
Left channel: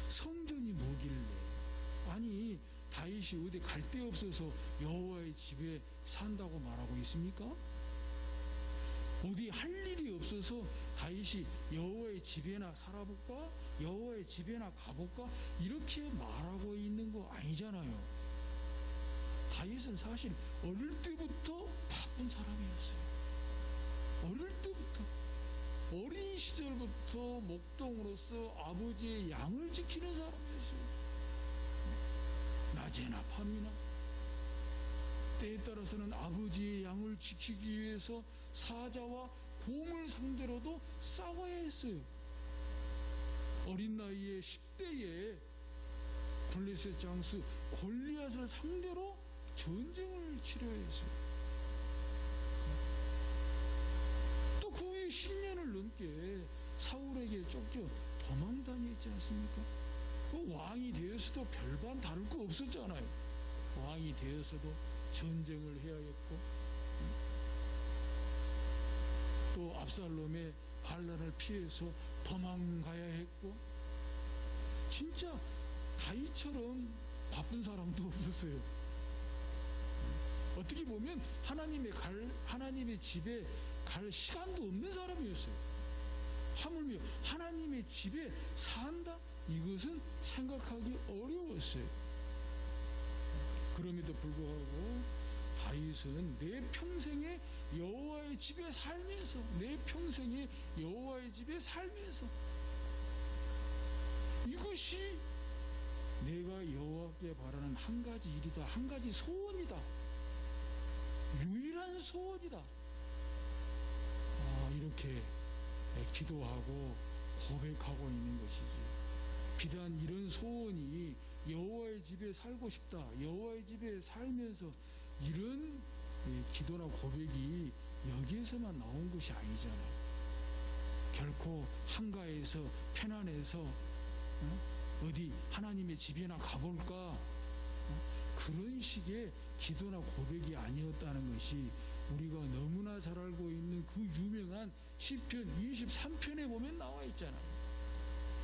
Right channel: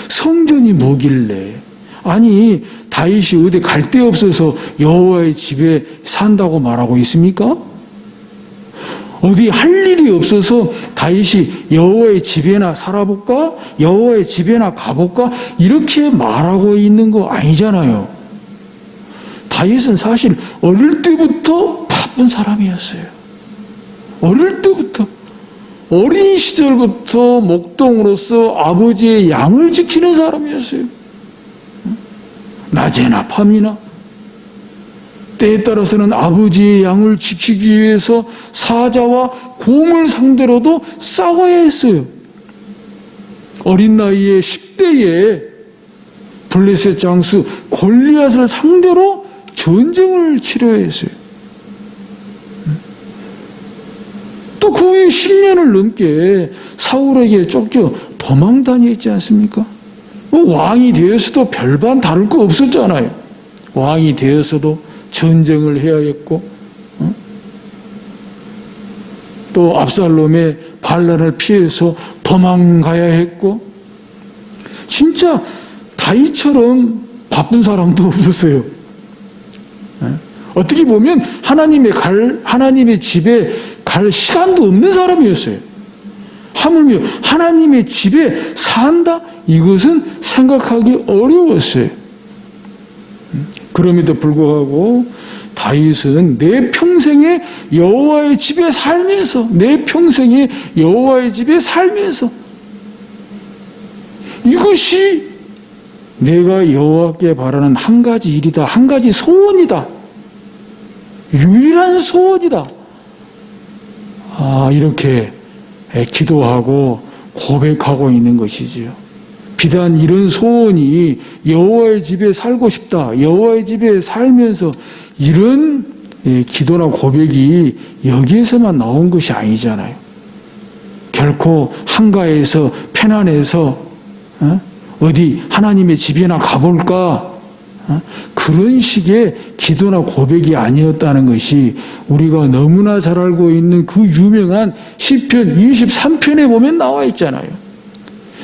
성전이 뭐길래, 아니 다윗이 어디 갈 데 없어서 여호와의 집에 산다고 말하고 있습니까? 어디 할 일이 없어서 다윗이 여호와의 집에나 살아볼까? 여호와의 집에나 가볼까? 이렇게 말하고 있는 거 아니잖아요. 다윗은 사실 어릴 때부터 바쁜 사람이었어요. 어릴 때부터, 어린 시절부터 목동으로서 아버지의 양을 지키는 사람이었어요. 낮에나 밤이나 때에 따라서는 아버지의 양을 지키기 위해서 사자와 곰을 상대로도 싸워야 했어요. 어린 나이에 10대에 블레셋 장수 골리앗을 상대로 전쟁을 치러야 했어요. 또 그 후에 10년을 넘게 사울에게 쫓겨 도망 다녔지 않습니까? 왕이 되어서도 별반 다를 거 없었잖아요. 왕이 되어서도 전쟁을 해야 했고, 또 압살롬의 반란을 피해서 도망가야 했고, 진짜 다윗처럼 바쁜 사람도 없었어요. 어떻게 보면 하나님의 집에 갈 시간도 없는 사람이었어요. 하물며 하나님의 집에 산다? 이것은 생각하기 어려웠어요. 그럼에도 불구하고 다윗은 내 평생에 여호와의 집에 살면서, 내 평생에 여호와의 집에 살면서 이것이 내가 여호와께 바라는 한 가지 일이다, 한 가지 소원이다, 유일한 소원이다, 이렇게 기도하고 고백하고 있는 것이지요. 비단 이런 소원이 여호와의 집에 살고 싶다, 여호와의 집에 살면서 이런 기도나 고백이 여기에서만 나온 것이 아니잖아요. 결코 한가해서 편안해서 어디 하나님의 집이나 가볼까, 그런 식의 기도나 고백이 아니었다는 것이 우리가 너무나 잘 알고 있는 그 유명한 시편 23편에 보면 나와 있잖아요.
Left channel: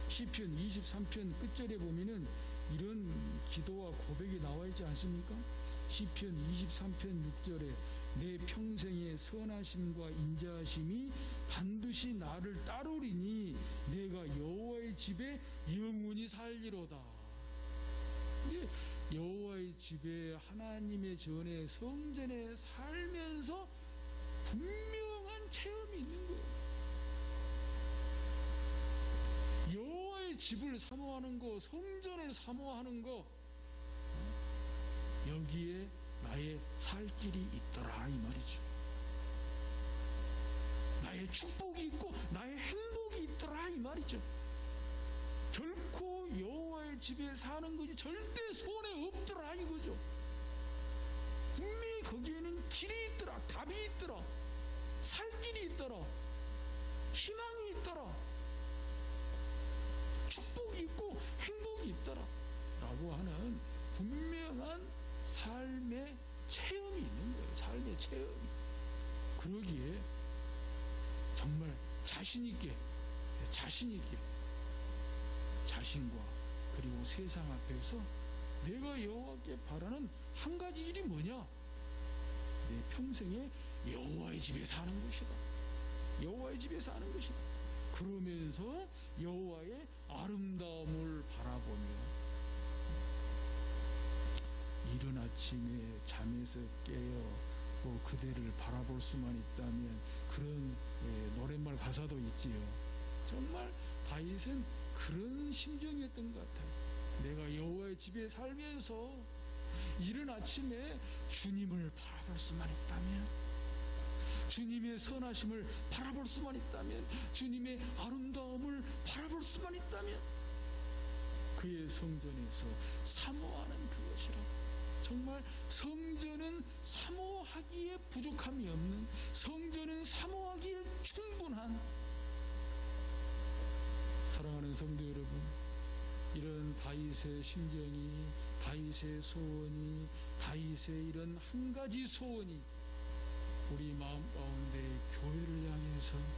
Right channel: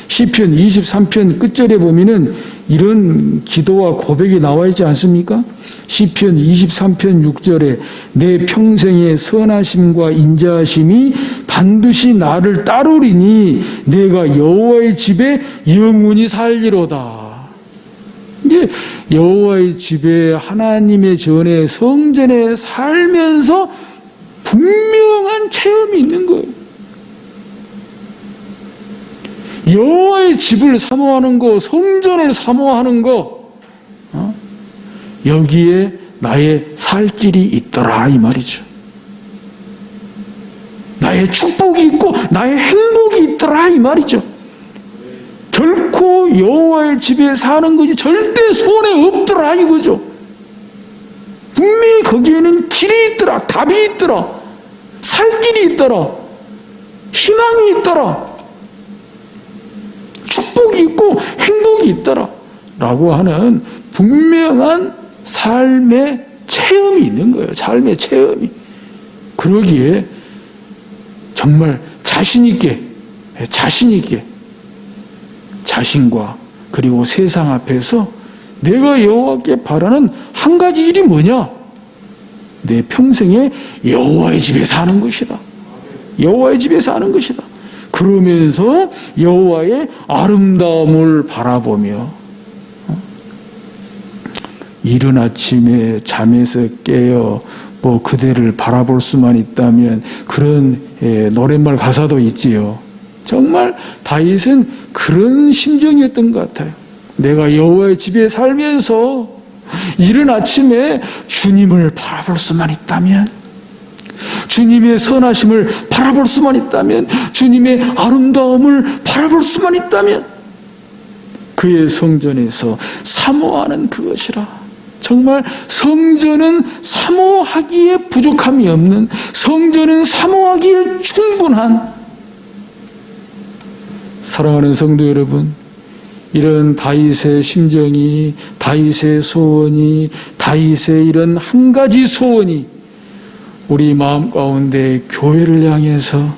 시편 23편 끝절에 보면은 이런 기도와 고백이 나와 있지 않습니까? 시편 23편 6절에 내 평생의 선하심과 인자하심이 반드시 나를 따르리니 내가 여호와의 집에 영원히 살리로다. 이제 여호와의 집에, 하나님의 전에, 성전에 살면서 분명한 체험이 있는 거예요. 여호와의 집을 사모하는 거, 성전을 사모하는 거, 여기에 나의 살 길이 있더라 이 말이죠. 나의 축복이 있고 나의 행복이 있더라 이 말이죠. 결코 여호와의 집에 사는 것이 절대 손에 없더라 이거죠. 분명히 거기에는 길이 있더라, 답이 있더라, 살 길이 있더라, 희망이 있더라, 축복이 있고 행복이 있더라 라고 하는 분명한 삶의 체험이 있는 거예요. 삶의 체험이. 그러기에 정말 자신 있게 자신과 그리고 세상 앞에서 내가 여호와께 바라는 한 가지 일이 뭐냐? 내 평생에 여호와의 집에 사는 것이다. 여호와의 집에 사는 것이다. 그러면서 여호와의 아름다움을 바라보며 이른 아침에 잠에서 깨어 그대를 바라볼 수만 있다면, 그런 노랫말 가사도 있지요. 정말 다윗은 그런 심정이었던 것 같아요. 내가 여호와의 집에 살면서 이른 아침에 주님을 바라볼 수만 있다면, 주님의 선하심을 바라볼 수만 있다면, 주님의 아름다움을 바라볼 수만 있다면 그의 성전에서 사모하는 그것이라. 정말 성전은 사모하기에 부족함이 없는, 성전은 사모하기에 충분한. 사랑하는 성도 여러분, 이런 다윗의 심정이, 다윗의 소원이, 다윗의 이런 한 가지 소원이 우리 마음 가운데 교회를 향해서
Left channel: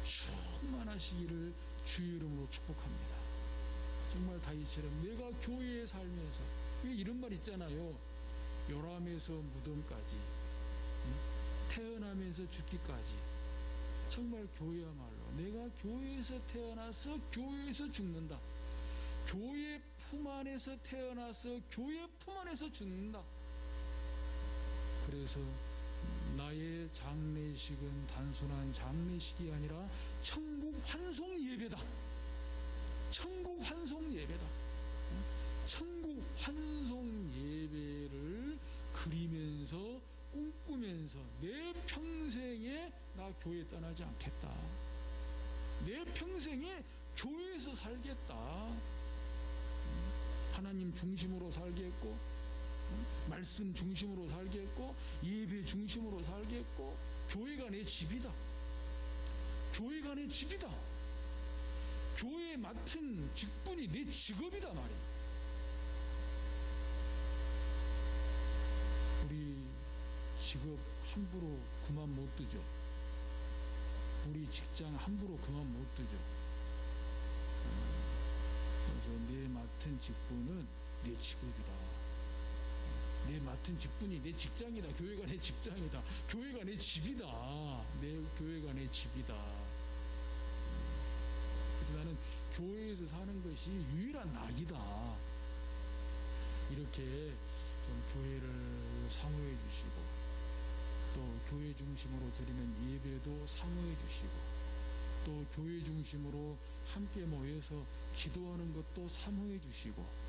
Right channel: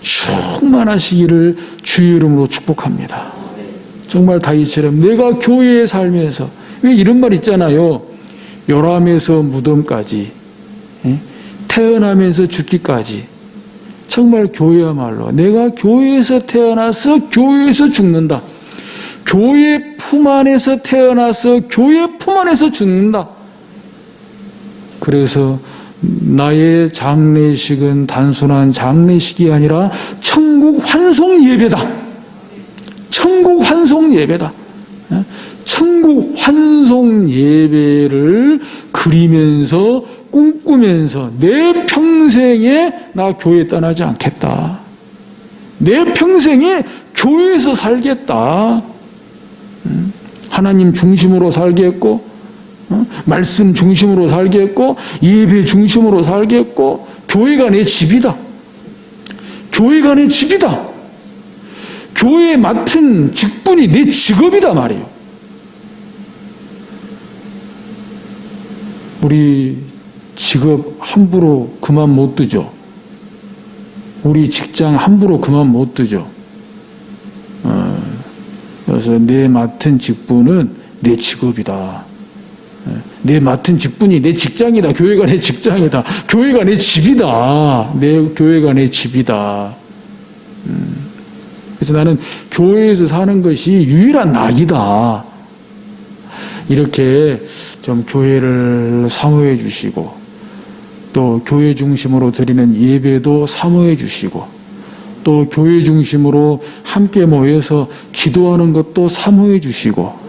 충만하시기를 주의 이름으로 축복합니다. 정말 다윗처럼 내가 교회에 살면서, 왜 이런 말 있잖아요. 요람에서 무덤까지, 태어나면서 죽기까지. 정말 교회야말로 내가 교회에서 태어나서 교회에서 죽는다. 교회 품 안에서 태어나서 교회 품 안에서 죽는다. 그래서 나의 장례식은 단순한 장례식이 아니라 천국 환송 예배다. 천국 환송 예배다. 천국 환송 예배를 그리면서 꿈꾸면서 내 평생에 나 교회 떠나지 않겠다. 내 평생에 교회에서 살겠다. 하나님 중심으로 살겠고, 말씀 중심으로 살겠고, 예배 중심으로 살겠고, 교회가 내 집이다. 교회가 내 집이다. 교회에 맡은 직분이 내 직업이다 말이에요. 우리 직업 함부로 그만 못 두죠. 우리 직장 함부로 그만 못 두죠. 그래서 내 맡은 직분은 내 직업이다. 내 맡은 직분이 내 직장이다. 교회가 내 직장이다. 교회가 내 집이다. 내 교회가 내 집이다. 그래서 나는 교회에서 사는 것이 유일한 낙이다. 이렇게 좀 교회를 사모해 주시고 또 교회 중심으로 드리는 예배도 사모해 주시고 또 교회 중심으로 함께 모여서 기도하는 것도 사모해 주시고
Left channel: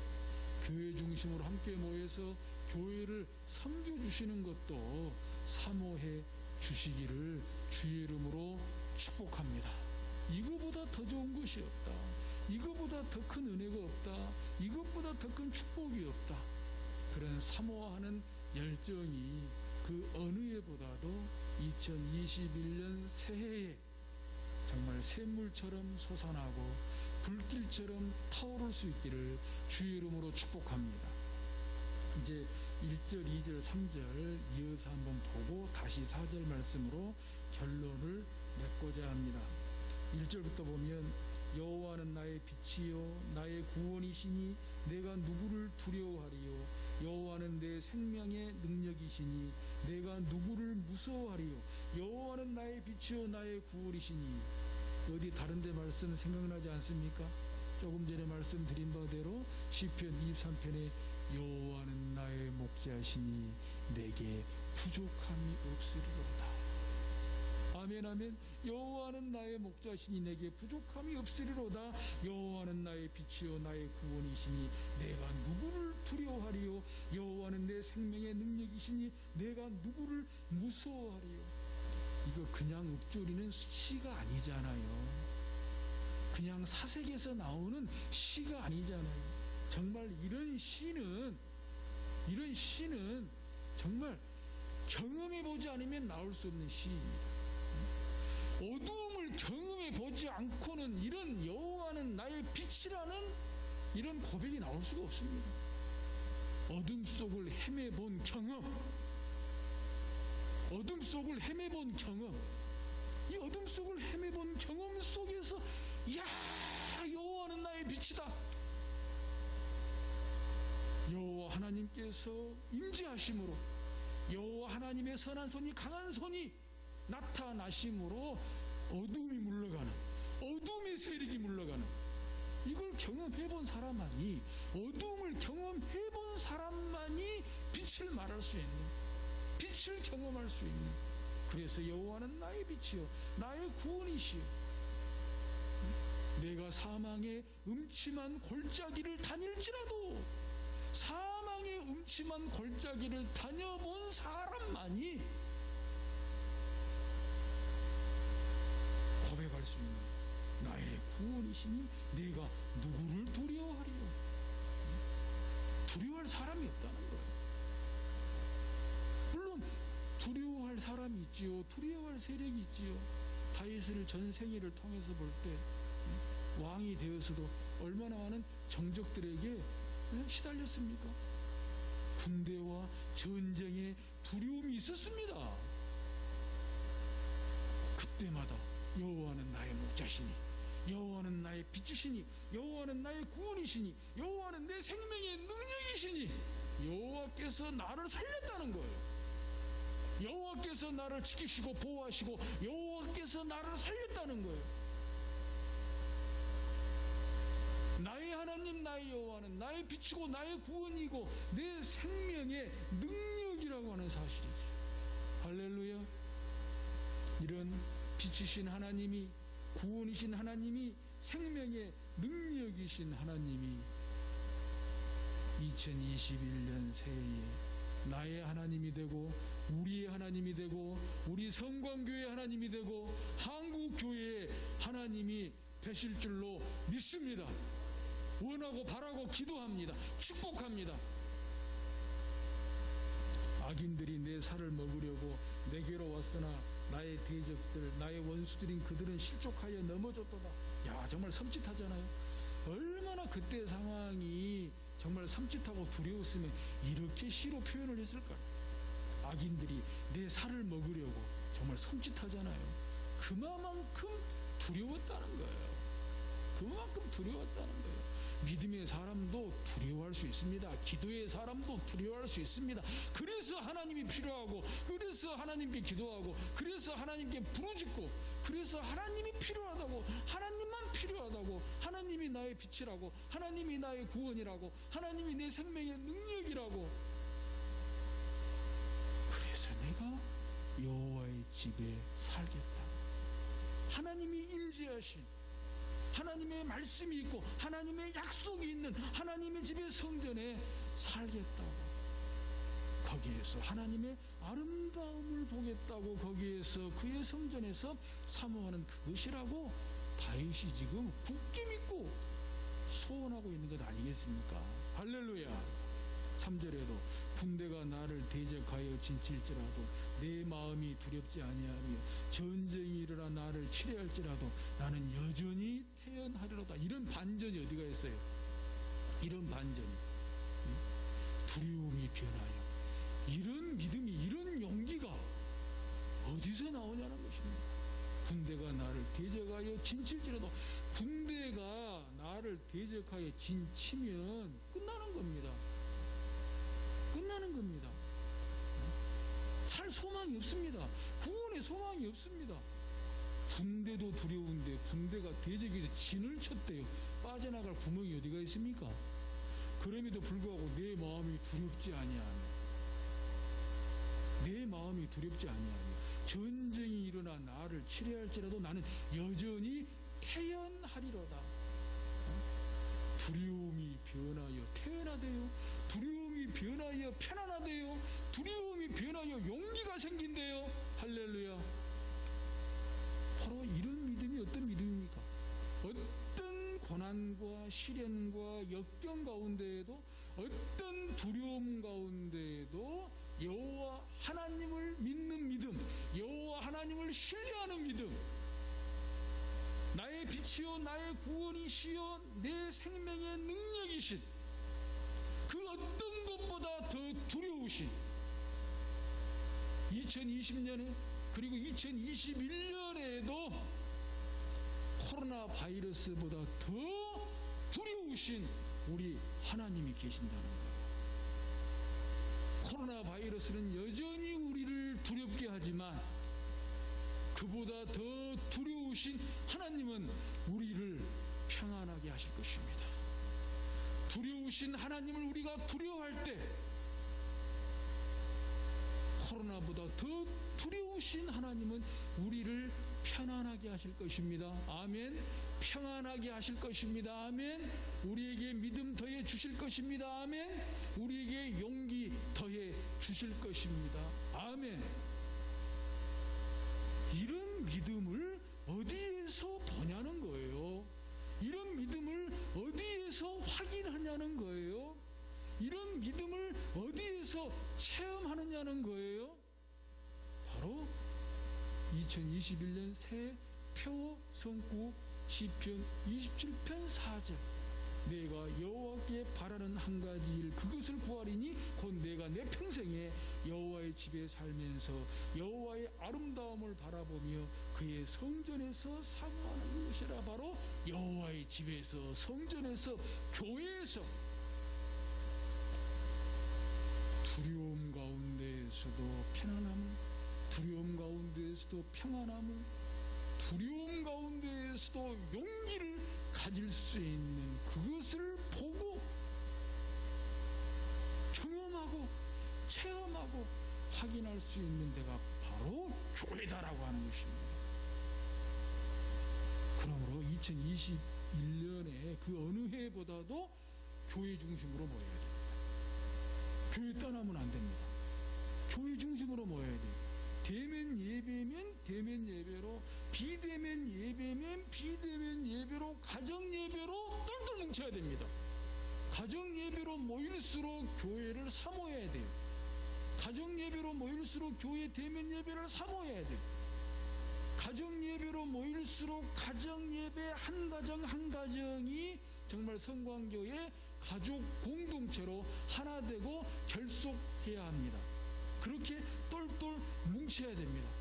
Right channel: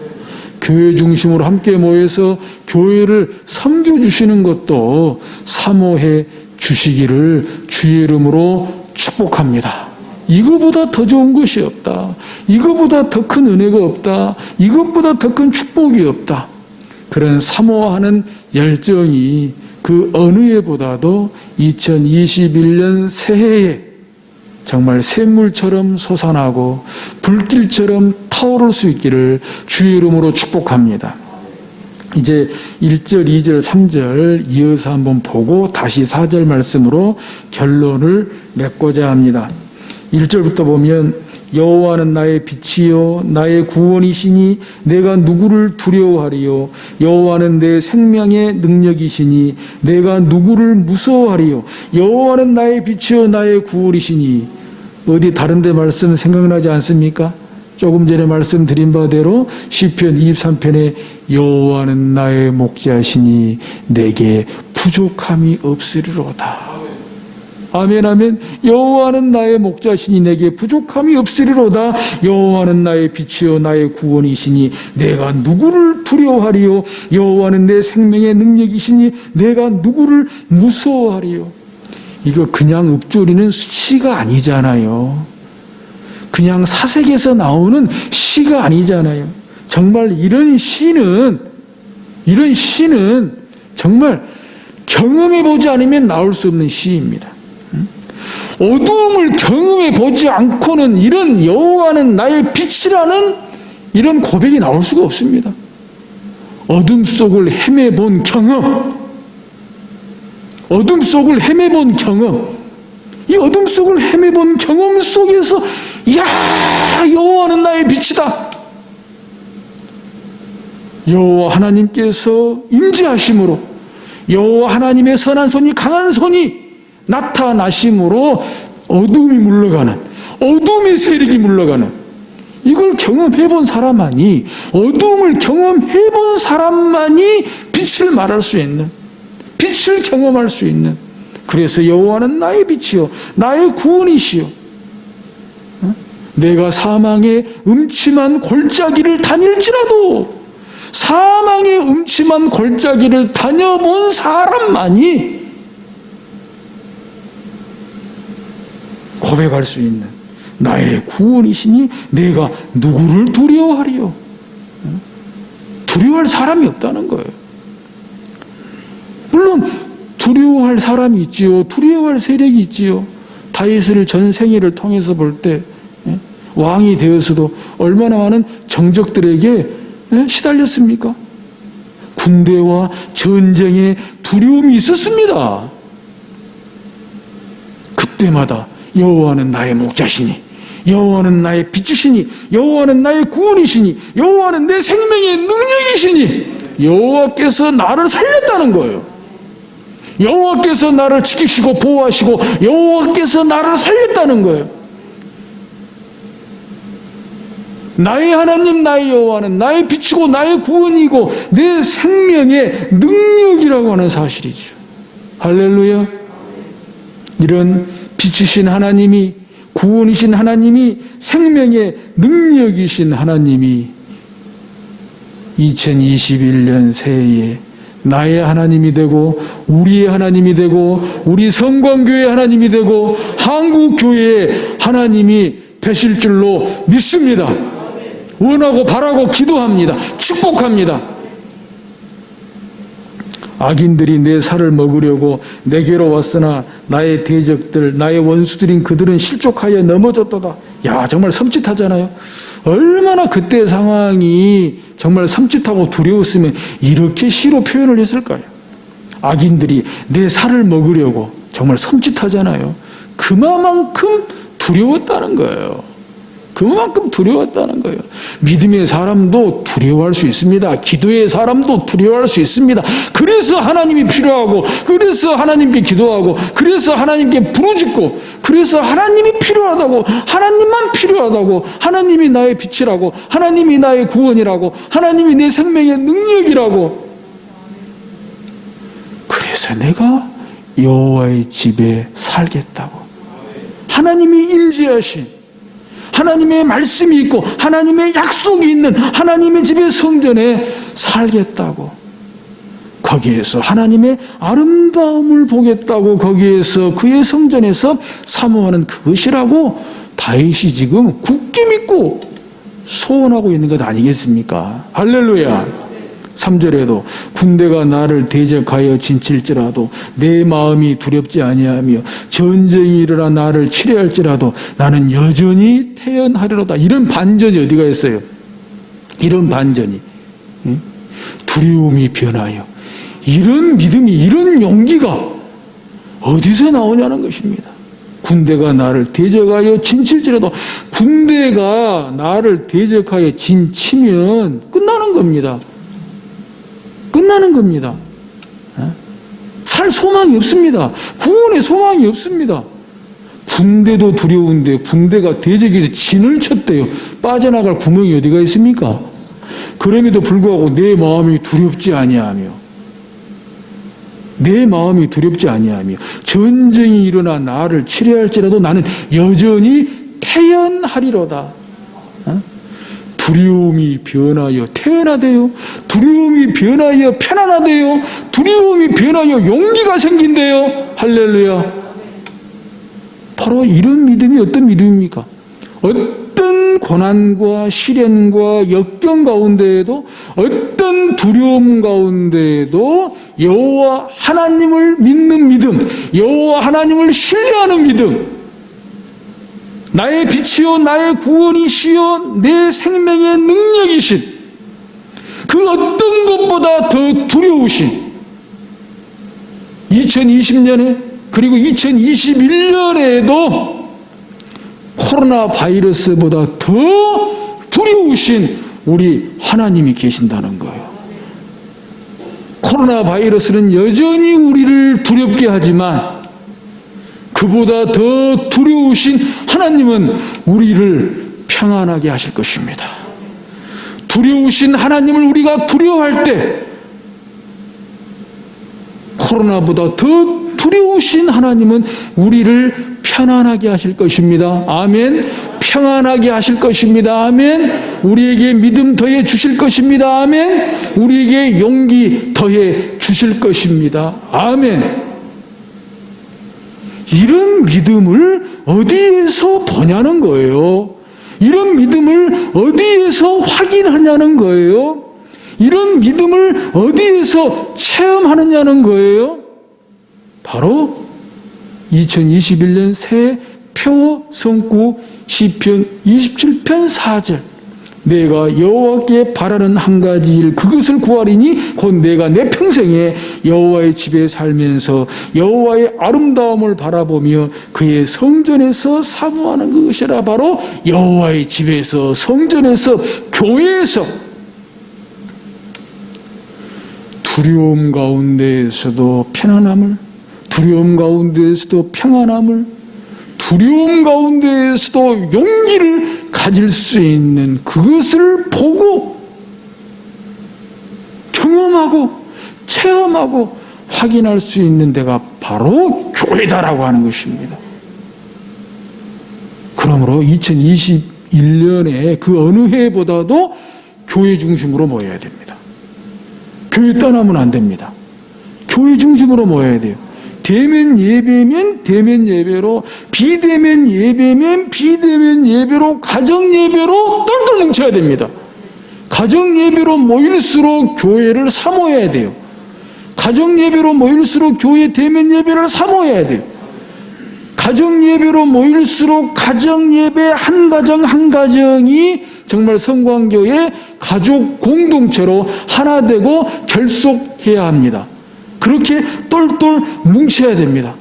교회 중심으로 함께 모여서 교회를 섬겨주시는 것도 사모해 주시기를 주의 이름으로 축복합니다. 이거보다 더 좋은 것이 없다. 이거보다 더 큰 은혜가 없다. 이것보다 더 큰 축복이 없다. 그런 사모하는 열정이 그 어느 해보다도 2021년 새해에 정말 샘물처럼 솟아나고 불길처럼 타오를 수 있기를 주의 이름으로 축복합니다. 이제 1절, 2절, 3절 이어서 한번 보고 다시 4절 말씀으로 결론을 맺고자 합니다. 1절부터 보면 여호와는 나의 빛이요 나의 구원이시니 내가 누구를 두려워하리요. 여호와는 내 생명의 능력이시니 내가 누구를 무서워하리요. 여호와는 나의 빛이요 나의 구원이시니. 어디 다른 데 말씀 생각나지 않습니까? 조금 전에 말씀드린 바대로 시편 23편에 여호와는 나의 목자시니 내게 부족함이 없으리로다. 아멘 아멘. 여호와는 나의 목자시니 내게 부족함이 없으리로다. 여호와는 나의 빛이요 나의 구원이시니 내가 누구를 두려워하리요. 여호와는 내 생명의 능력이시니 내가 누구를 무서워하리요. 이거 그냥 읊조리는 시가 아니잖아요. 그냥 사색에서 나오는 시가 아니잖아요. 정말 이런 시는 정말 경험해 보지 않으면 나올 수 없는 시입니다. 어두움을 경험해 보지 않고는 이런 여호와는 나의 빛이라는 이런 고백이 나올 수가 없습니다. 어둠 속을 헤매본 경험, 어둠 속을 헤매본 경험, 이 어둠 속을 헤매본 경험 속에서 야 여호와는 나의 빛이다. 여호와 하나님께서 임재하심으로 여호와 하나님의 선한 손이 강한 손이 나타나심으로 어둠이 물러가는, 어둠의 세력이 물러가는, 이걸 경험해본 사람만이, 어둠을 경험해본 사람만이 빛을 말할 수 있는, 빛을 경험할 수 있는. 그래서 여호와는 나의 빛이요 나의 구원이시요. 내가 사망의 음침한 골짜기를 다닐지라도, 사망의 음침한 골짜기를 다녀본 사람만이 고백할 수 있는 나의 구원이시니 내가 누구를 두려워하리요. 두려워할 사람이 없다는 거예요. 물론 두려워할 사람이 있지요. 두려워할 세력이 있지요. 다윗을 전 생애를 통해서 볼 때 왕이 되어서도 얼마나 많은 정적들에게 시달렸습니까? 군대와 전쟁에 두려움이 있었습니다. 그때마다 여호와는 나의 목자시니, 여호와는 나의 빛이시니, 여호와는 나의 구원이시니, 여호와는 내 생명의 능력이시니, 여호와께서 나를 살렸다는 거예요. 여호와께서 나를 지키시고 보호하시고 여호와께서 나를 살렸다는 거예요. 나의 하나님 나의 여호와는 나의 빛이고 나의 구원이고 내 생명의 능력이라고 하는 사실이죠. 할렐루야. 이런 빛이신 하나님이, 구원이신 하나님이, 생명의 능력이신 하나님이 2021년 새해에 나의 하나님이 되고 우리의 하나님이 되고 우리 성광교회의 하나님이 되고 한국교회의 하나님이 되실 줄로 믿습니다. 원하고 바라고 기도합니다. 축복합니다. 악인들이 내 살을 먹으려고 내게로 왔으나 나의 대적들, 나의 원수들인 그들은 실족하여 넘어졌도다. 야, 정말 섬찟하잖아요. 얼마나 그때 상황이 정말 섬찟하고 두려웠으면 이렇게 시로 표현을 했을까요? 악인들이 내 살을 먹으려고. 정말 섬찟하잖아요. 그만큼 두려웠다는 거예요. 그만큼 두려웠다는 거예요. 믿음의 사람도 두려워할 수 있습니다. 기도의 사람도 두려워할 수 있습니다. 그래서 하나님이 필요하고, 그래서 하나님께 기도하고, 그래서 하나님께 부르짖고, 그래서 하나님이 필요하다고, 하나님만 필요하다고, 하나님이 나의 빛이라고, 하나님이 나의 구원이라고, 하나님이 내 생명의 능력이라고. 그래서 내가 여호와의 집에 살겠다고. 하나님이 임재하신, 하나님의 말씀이 있고 하나님의 약속이 있는 하나님의 집의 성전에 살겠다고. 거기에서 하나님의 아름다움을 보겠다고. 거기에서 그의 성전에서 사모하는 그것이라고 다윗이 지금 굳게 믿고 소원하고 있는 것 아니겠습니까? 할렐루야. 3절에도 군대가 나를 대적하여 진칠지라도 내 마음이 두렵지 아니하며 전쟁이 일어나 나를 치려할지라도 나는 여전히 태연하리로다. 이런 반전이 어디가 있어요? 이런 반전이. 두려움이 변하여. 이런 믿음이, 이런 용기가 어디서 나오냐는 것입니다. 군대가 나를 대적하여 진칠지라도, 군대가 나를 대적하여 진치면 끝나는 겁니다. 끝나는 겁니다. 살 소망이 없습니다. 구원의 소망이 없습니다. 군대도 두려운데 군대가 대적해서 진을 쳤대요. 빠져나갈 구멍이 어디가 있습니까? 그럼에도 불구하고 내 마음이 두렵지 아니하며, 내 마음이 두렵지 아니하며 전쟁이 일어나 나를 치려할지라도 나는 여전히 태연하리로다. 두려움이 변하여 태연하대요. 두려움이 변하여 편안하대요. 두려움이 변하여 용기가 생긴대요. 할렐루야. 바로 이런 믿음이 어떤 믿음입니까? 어떤 고난과 시련과 역경 가운데에도, 어떤 두려움 가운데에도 여호와 하나님을 믿는 믿음, 여호와 하나님을 신뢰하는 믿음, 나의 빛이요 나의 구원이시요 내 생명의 능력이신, 그 어떤 것보다 더 두려우신 2020년에 그리고 2021년에도 코로나 바이러스보다 더 두려우신 우리 하나님이 계신다는 거예요. 코로나 바이러스는 여전히 우리를 두렵게 하지만 그보다 더 두려우신 하나님은 우리를 평안하게 하실 것입니다. 두려우신 하나님을 우리가 두려워할 때 코로나보다 더 두려우신 하나님은 우리를 편안하게 하실 것입니다. 아멘. 평안하게 하실 것입니다. 아멘. 우리에게 믿음 더해 주실 것입니다. 아멘. 우리에게 용기 더해 주실 것입니다. 아멘. 이런 믿음을 어디에서 보냐는 거예요. 이런 믿음을 어디에서 확인하냐는 거예요. 이런 믿음을 어디에서 체험하느냐는 거예요. 바로 2021년 새 표어 성구 시편 27편 4절. 내가 여호와께 바라는 한 가지 일, 그것을 구하리니 곧 내가 내 평생에 여호와의 집에 살면서 여호와의 아름다움을 바라보며 그의 성전에서 사모하는 그것이라. 바로 여호와의 집에서, 성전에서, 교회에서 두려움 가운데에서도 편안함을, 두려움 가운데에서도 평안함을, 두려움 가운데에서도 용기를 가질 수 있는 그것을 보고 경험하고 체험하고 확인할 수 있는 데가 바로 교회다라고 하는 것입니다. 그러므로 2021년에 그 어느 해보다도 교회 중심으로 모여야 됩니다. 교회 떠나면 안 됩니다. 교회 중심으로 모여야 돼요. 대면 예배면 대면 예배로, 비대면 예배면 비대면 예배로, 가정 예배로 똘똘 넘쳐야 됩니다. 가정 예배로 모일수록 교회를 사모해야 돼요. 가정 예배로 모일수록 교회 대면 예배를 사모해야 돼요. 가정 예배로 모일수록 가정 예배 한 가정 한 가정이 정말 성광교회 가족 공동체로 하나 되고 결속해야 합니다. 그렇게 똘똘 뭉쳐야 됩니다.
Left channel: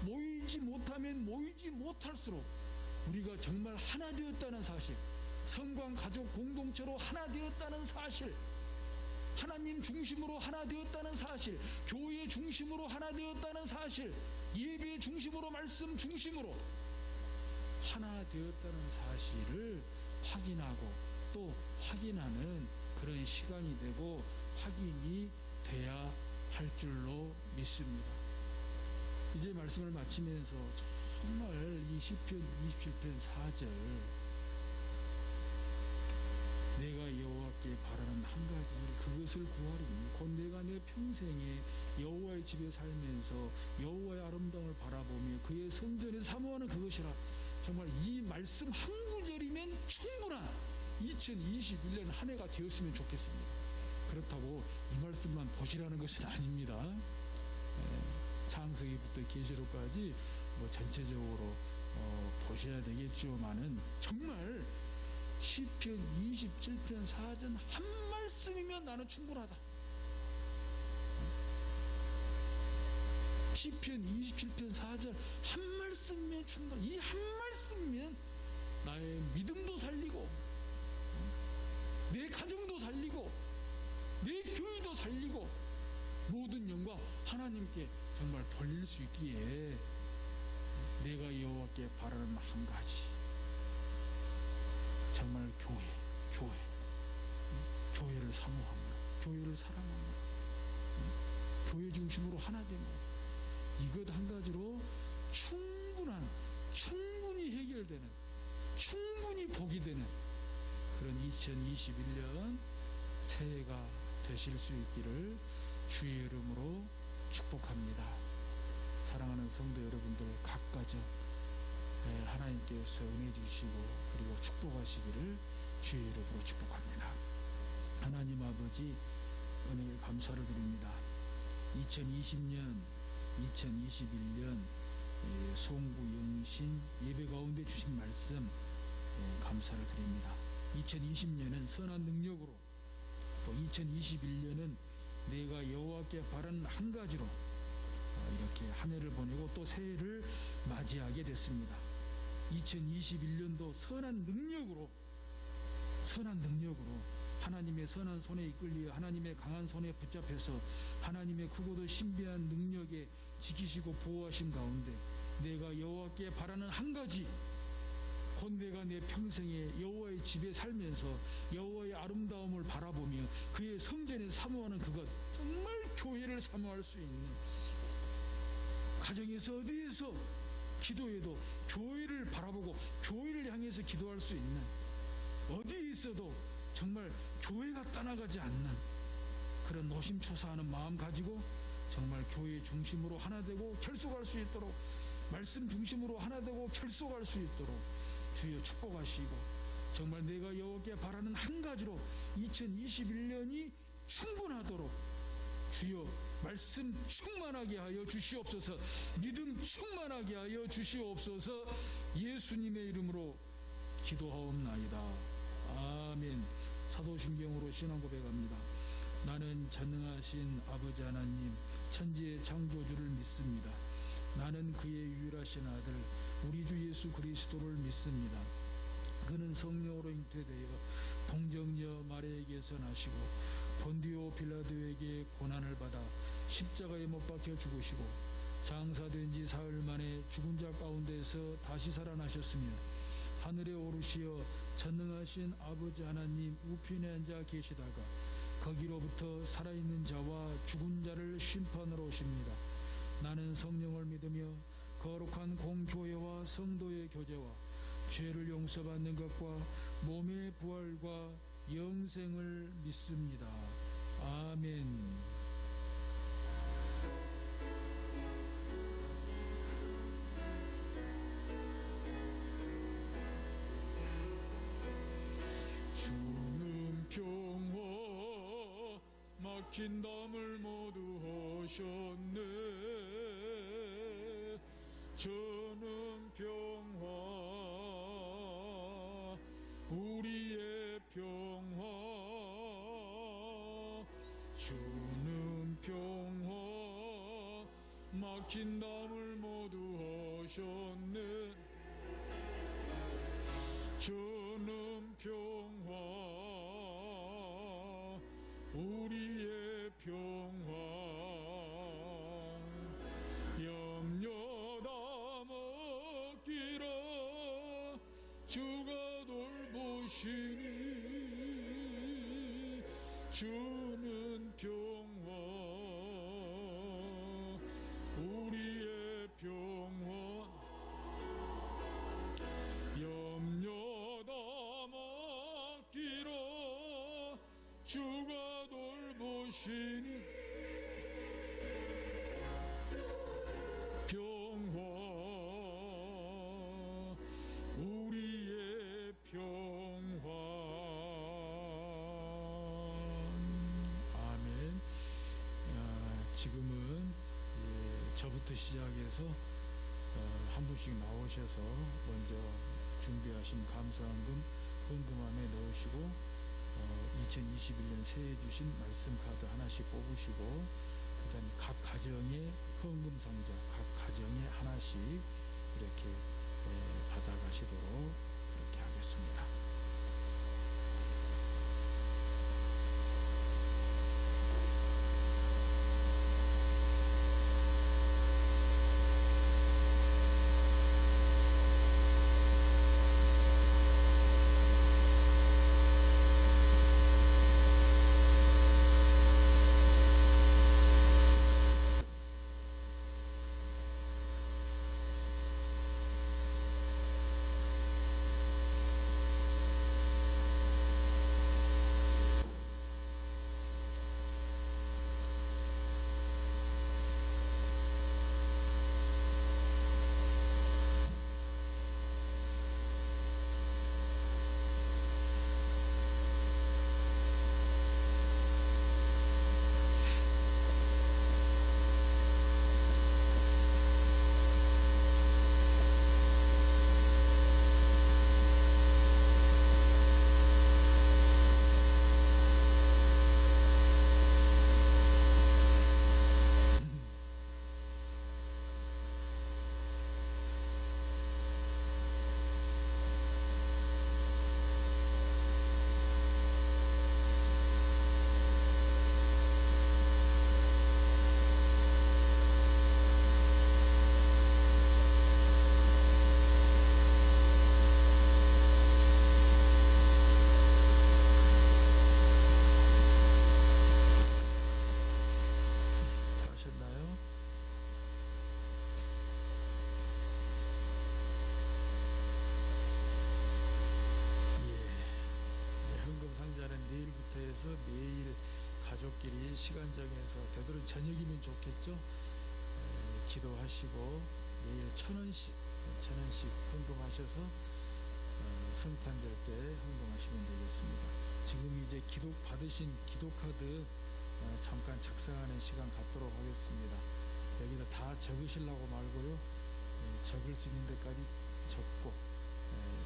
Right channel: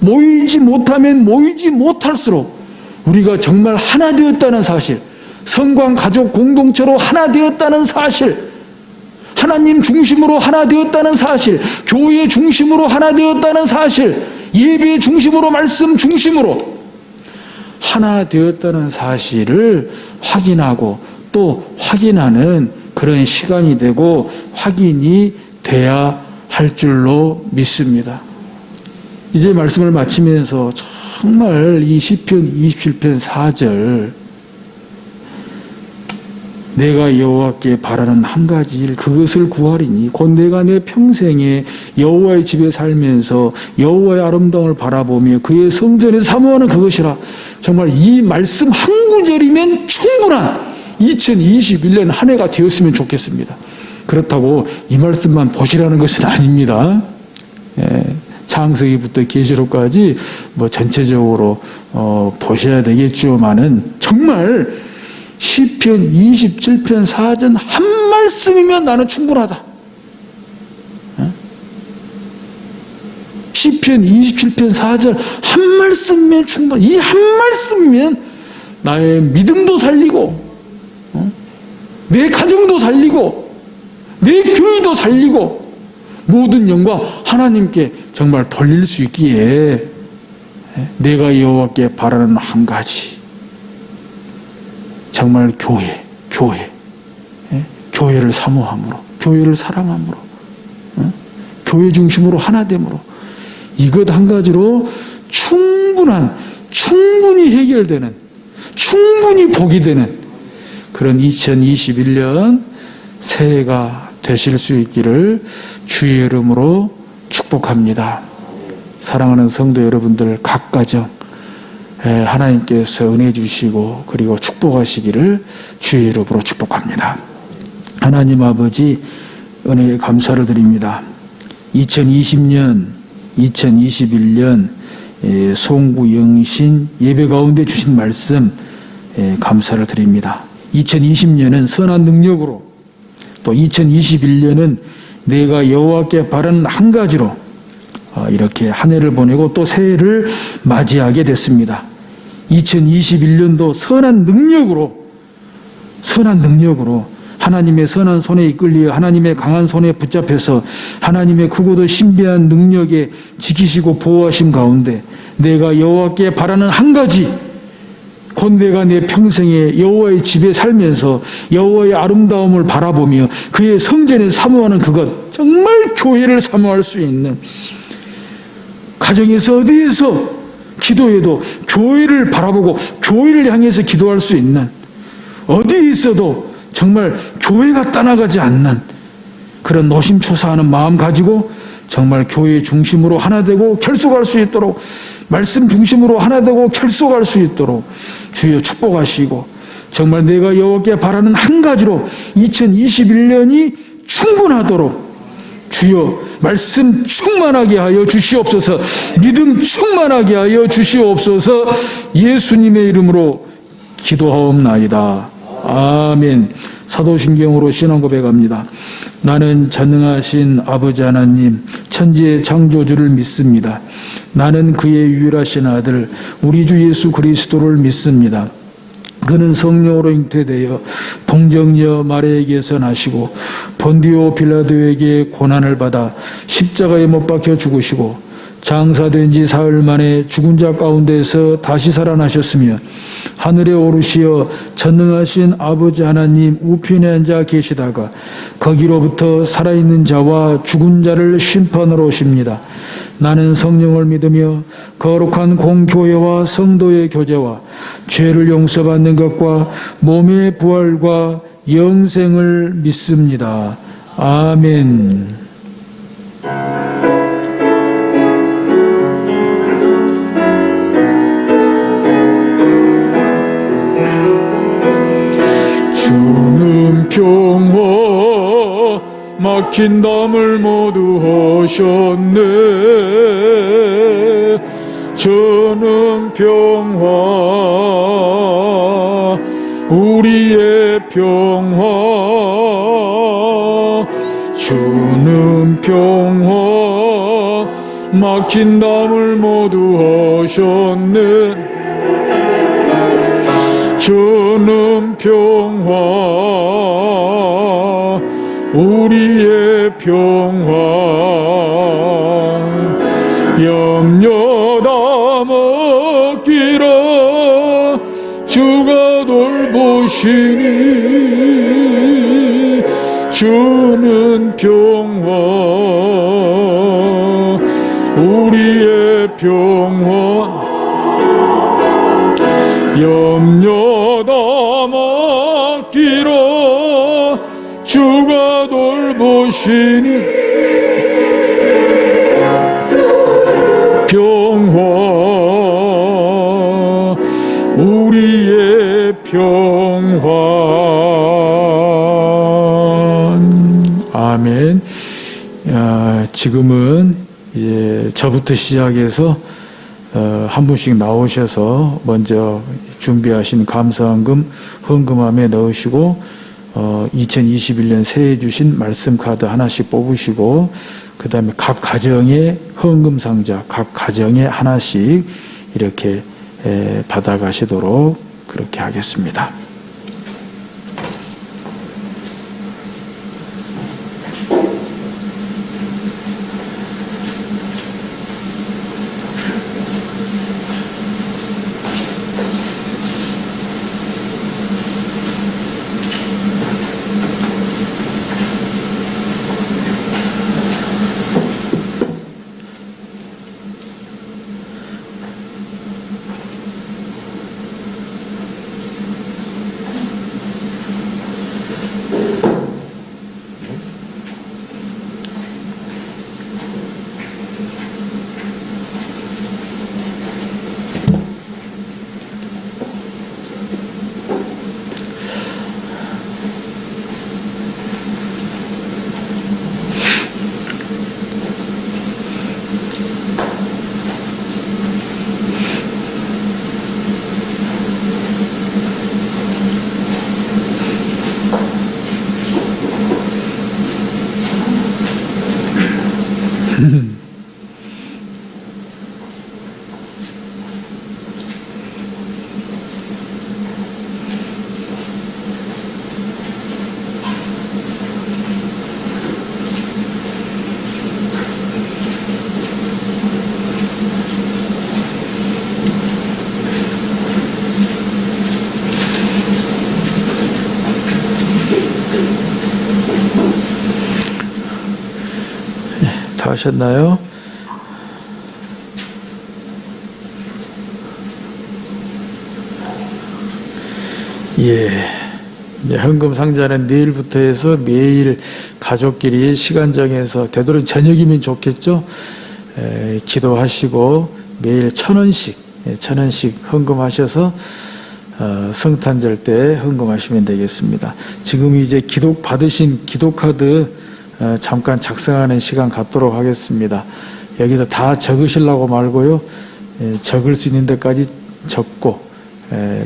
모이지 못하면 모이지 못할수록 우리가 정말 하나 되었다는 사실, 성광 가족 공동체로 하나 되었다는 사실, 하나님 중심으로 하나 되었다는 사실, 교회 중심으로 하나 되었다는 사실, 예배 중심으로 말씀 중심으로 하나 되었다는 사실을 확인하고 또 확인하는 그런 시간이 되고 확인이 돼야 할 줄로 믿습니다. 이제 말씀을 마치면서 정말 이 시편 27편 4절 내가 여호와께 바라는 한 가지 일 그것을 구하리니 곧 내가 내 평생에 여호와의 집에 살면서 여호와의 아름다움을 바라보며 그의 성전에 사모하는 그것이라. 정말 이 말씀 한 구절이면 충분한 2021년 한 해가 되었으면 좋겠습니다. 그렇다고 이 말씀만 보시라는 것은 아닙니다. 창세기부터 계시록까지 뭐 전체적으로 보셔야 되겠지만은 정말 시편 27편 4전 한 말씀이면 나는 충분하다. 시편 27편 4절 한 말씀이면 충분. 이 한 말씀이면 나의 믿음도 살리고 내 가정도 살리고 내 교회도 살리고 모든 영광 하나님께 정말 돌릴 수 있기에 내가 여호와께 바라는 한 가지 정말 교회를 사모함으로 교회를 사랑함으로 교회 중심으로 하나됨으로 이것 한 가지로 충분히 해결되는 충분히 복이 되는 그런 2021년 새해가 되실 수 있기를 주의 이름으로 축복합니다. 사랑하는 성도 여러분들 각 가정 하나님께서 은혜 주시고 그리고 축복하시기를 주의 이름으로 축복합니다. 하나님 아버지 은혜에 감사를 드립니다. 2020년 2021년 송구 영신 예배 가운데 주신 말씀 감사를 드립니다. 2020년은 선한 능력으로 또 2021년은 내가 여호와께 바라는 한 가지로 이렇게 한 해를 보내고 또 새해를 맞이하게 됐습니다. 2021년도 선한 능력으로 하나님의 선한 손에 이끌려 하나님의 강한 손에 붙잡혀서 하나님의 크고도 신비한 능력에 지키시고 보호하심 가운데 내가 여호와께 바라는 한 가지 곧 내가 내 평생에 여호와의 집에 살면서 여호와의 아름다움을 바라보며 그의 성전에 사모하는 그것 정말 교회를 사모할 수 있는 가정에서 어디에서 기도해도 교회를 바라보고 교회를 향해서 기도할 수 있는 어디에 있어도 정말 교회가 떠나가지 않는 그런 노심초사하는 마음 가지고 정말 교회 중심으로 하나 되고 결속할 수 있도록 말씀 중심으로 하나 되고 결속할 수 있도록 주여 축복하시고 정말 내가 여호와께 바라는 한 가지로 2021년이 충분하도록 주여 말씀 충만하게 하여 주시옵소서. 믿음 충만하게 하여 주시옵소서. 예수님의 이름으로 기도하옵나이다. 아멘. 사도신경으로 신앙 고백합니다. 나는 전능하신 아버지 하나님 천지의 창조주를 믿습니다. 나는 그의 유일하신 아들 우리 주 예수 그리스도를 믿습니다. 그는 성령으로 잉태되어 동정녀 마리아에게서 나시고 본디오 빌라도에게 고난을 받아 십자가에 못 박혀 죽으시고 장사된 지 사흘 만에 죽은 자 가운데서 다시 살아나셨으며 하늘에 오르시어 전능하신 아버지 하나님 우편에 앉아 계시다가 거기로부터 살아있는 자와 죽은 자를 심판하러 오십니다. 나는 성령을 믿으며 거룩한 공교회와 성도의 교제와 죄를 용서받는 것과 몸의 부활과 영생을 믿습니다. 아멘. 주는 평화 막힌 담을 모두 하셨네. 저는 평화 우리의 평화 주는 평화 막힌 담을 모두 하셨네. 주는 평화 우리의 평화 염려 다 먹기라 주가 돌보시니 주는 평화 우리의 평화 염려 다 맡기라 주가 돌보시니 평화 우리의 평화. 아멘. 지금은 이제 저부터 시작해서 한 분씩 나오셔서 먼저 준비하신 감사헌금 헌금함에 넣으시고 2021년 새해 주신 말씀 카드 하나씩 뽑으시고 그 다음에 각 가정의 헌금 상자 각 가정에 하나씩 이렇게 받아가시도록 그렇게 하겠습니다. 다 하셨나요? 예. 이제 헌금 상자는 내일부터 해서 매일 가족끼리 시간 정해서 되도록 저녁이면 좋겠죠. 기도하시고 매일 1,000원씩 헌금하셔서 성탄절 때 헌금하시면 되겠습니다. 지금 이제 기독 받으신 기도카드 잠깐 작성하는 시간 갖도록 하겠습니다. 여기서 다 적으시려고 말고요. 적을 수 있는 데까지 적고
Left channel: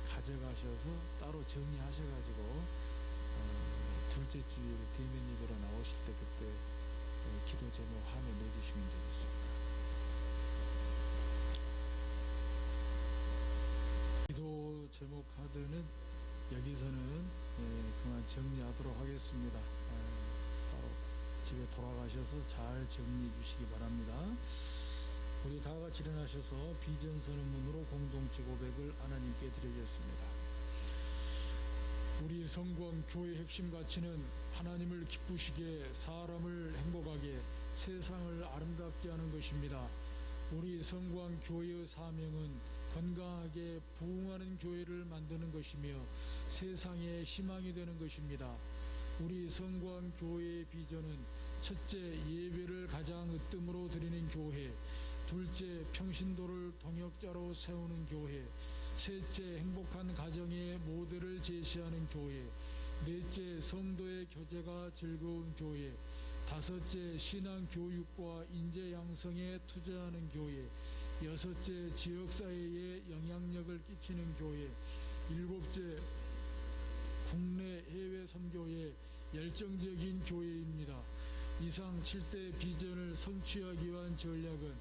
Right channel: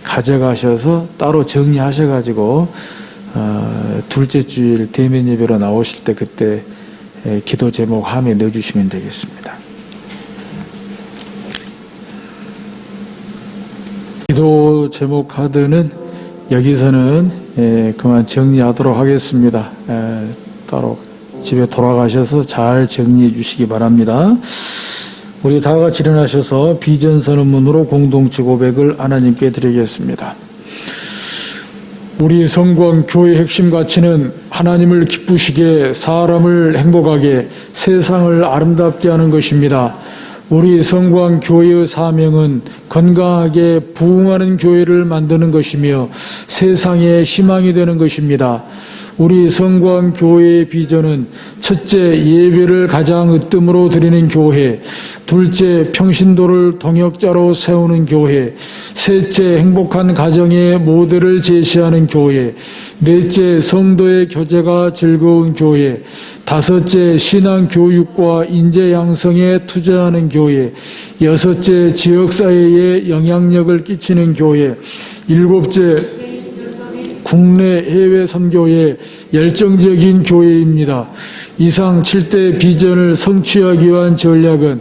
가져가셔서 따로 정리하셔가지고 둘째 주일 대면 예배로 나오실 때 그때 기도 제목 함에 넣어주시면 되겠습니다. 기도 제목 카드는 여기서는 그만 정리하도록 하겠습니다. 따로 집에 돌아가셔서 잘 정리해 주시기 바랍니다. 우리 다 같이 일어나셔서 비전선언문으로 공동체 고백을 하나님께 드리겠습니다. 우리 성광 교회의 핵심 가치는 하나님을 기쁘시게 사람을 행복하게 세상을 아름답게 하는 것입니다. 우리 성광 교회의 사명은 건강하게 부흥하는 교회를 만드는 것이며 세상의 희망이 되는 것입니다. 우리 성광 교회의 비전은 첫째, 예배를 가장 으뜸으로 드리는 교회, 둘째, 평신도를 동역자로 세우는 교회. 셋째, 행복한 가정의 모델을 제시하는 교회. 넷째, 성도의 교제가 즐거운 교회. 다섯째, 신앙 교육과 인재 양성에 투자하는 교회. 여섯째, 지역사회에 영향력을 끼치는 교회. 일곱째, 국내 해외 선교에 열정적인 교회입니다. 이상 7대 비전을 성취하기 위한 전략은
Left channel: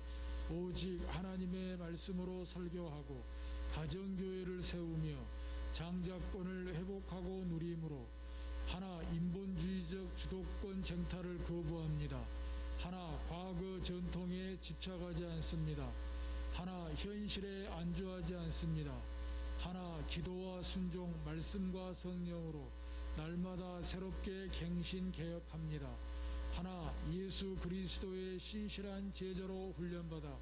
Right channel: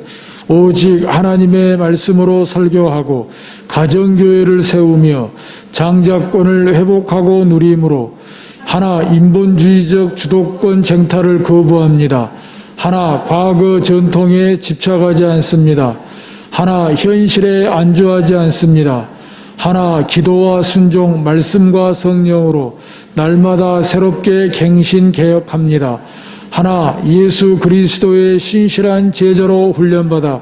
오직 하나님의 말씀으로 설교하고 가정교회를 세우며 장자권을 회복하고 누림으로 하나, 인본주의적 주도권 쟁탈을 거부합니다. 하나, 과거 전통에 집착하지 않습니다. 하나, 현실에 안주하지 않습니다. 하나, 기도와 순종, 말씀과 성령으로 날마다 새롭게 갱신 개혁합니다. 하나, 예수 그리스도의 신실한 제자로 훈련받아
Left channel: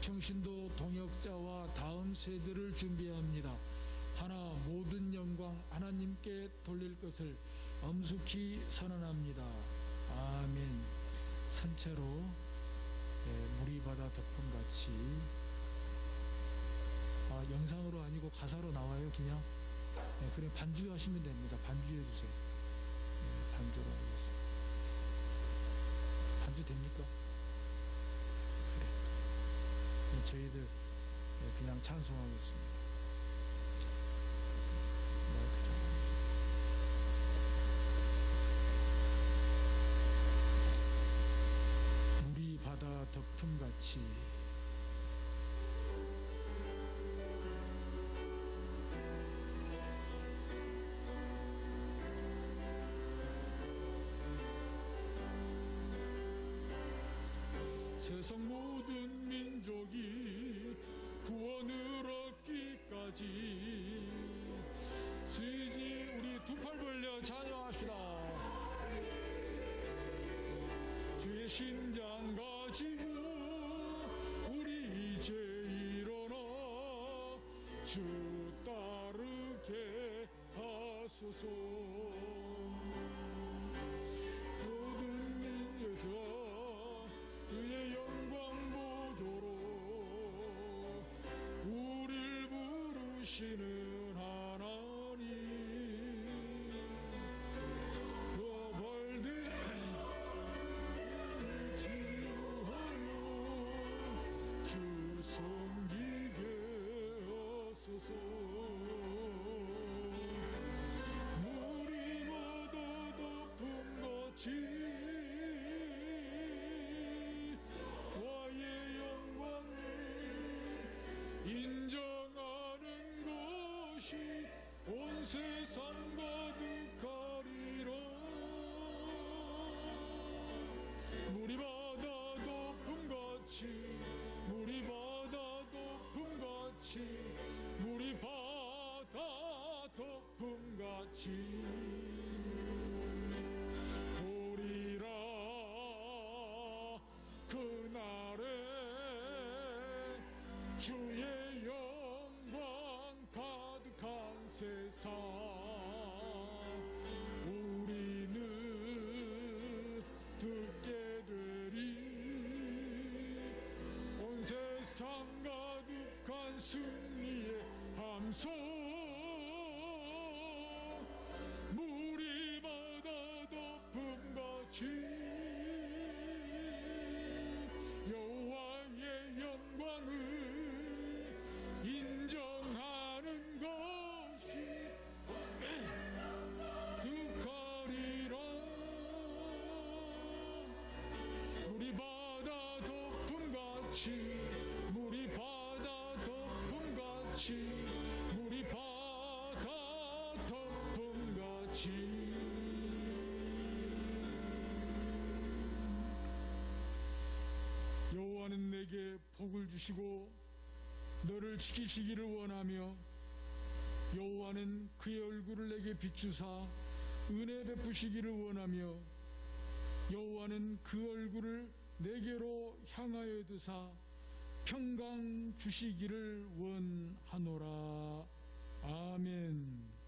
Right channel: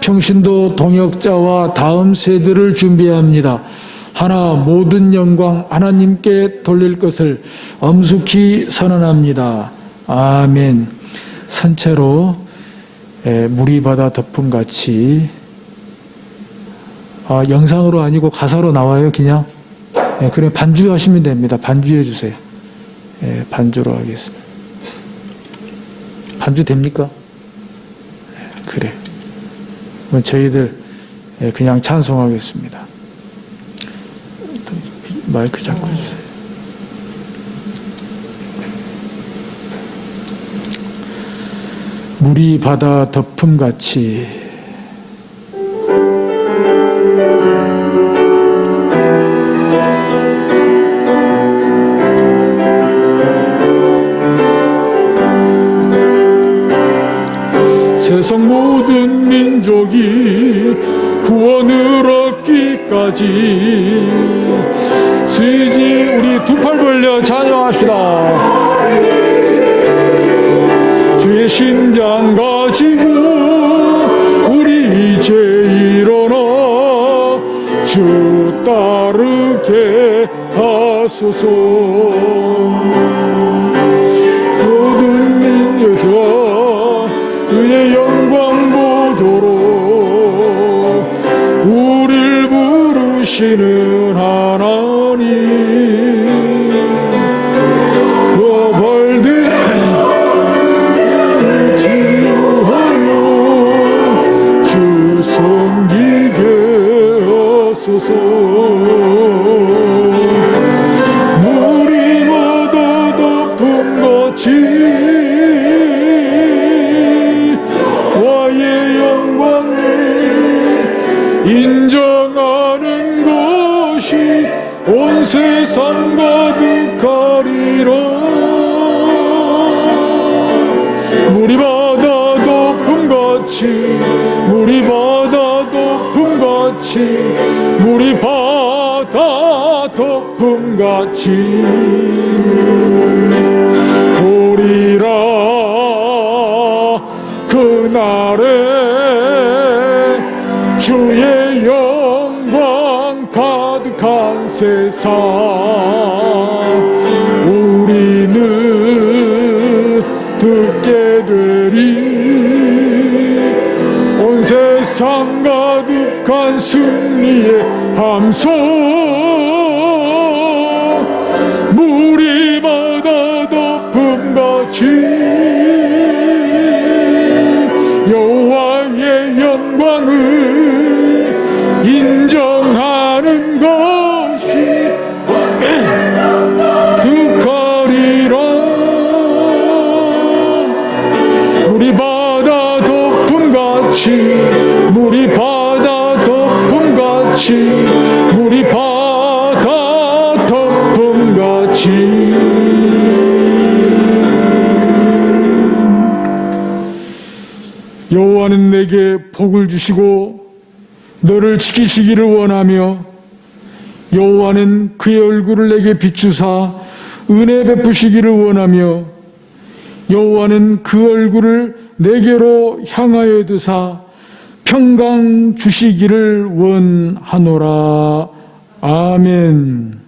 평신도 동역자와 다음 세대를 준비합니다. 하나, 모든 영광 하나님께 돌릴 것을 엄숙히 선언합니다. 아멘. 선체로 물이 바다 덮음같이, 영상으로 아니고 가사로 나와요. 그냥 그냥 반주하시면 됩니다. 반주해 주세요. 반주로 하겠습니다. 반주 됩니까? 그래. 그럼 저희들 그냥 찬송하겠습니다. 마이크 잡고 해주세요. 물이 바다 덮음같이 세상 모든 민족이 구원을 얻기까지 수지 우리 두 팔 벌려 찬양합시다. 주의 신장 가지고 우리 이제 일어나 주 따르게 하소서. 모든 민족아 그의 영광 보도록 우릴 부르시는 하나님, 벌들을 치유하며 주 섬기게 하소서. 물이 바다 덮음같이 인정하는 것이 온 세상 가득하리라. 물이 바다 덮음같이, 물이 바다 덮음같이, 물이 바다 덮음같이 오리라. 그날에 주의 영광 가득한 세상 우리는 듣게 되리. 온 세상 가득한 승리의 함성 물이 바다 덮음같이 여호와의 영광을 인정하는 것이 득하리라. 물이 바다 덮음같이, 물이 바다 덮음같이, 물이 바다 덮음같이 여호와는 내게 복을 주시고 너를 지키시기를 원하며 여호와는 그의 얼굴을 내게 비추사 은혜 베푸시기를 원하며 여호와는 그 얼굴을 내게로 향하여 두사 평강 주시기를 원하노라. 아멘.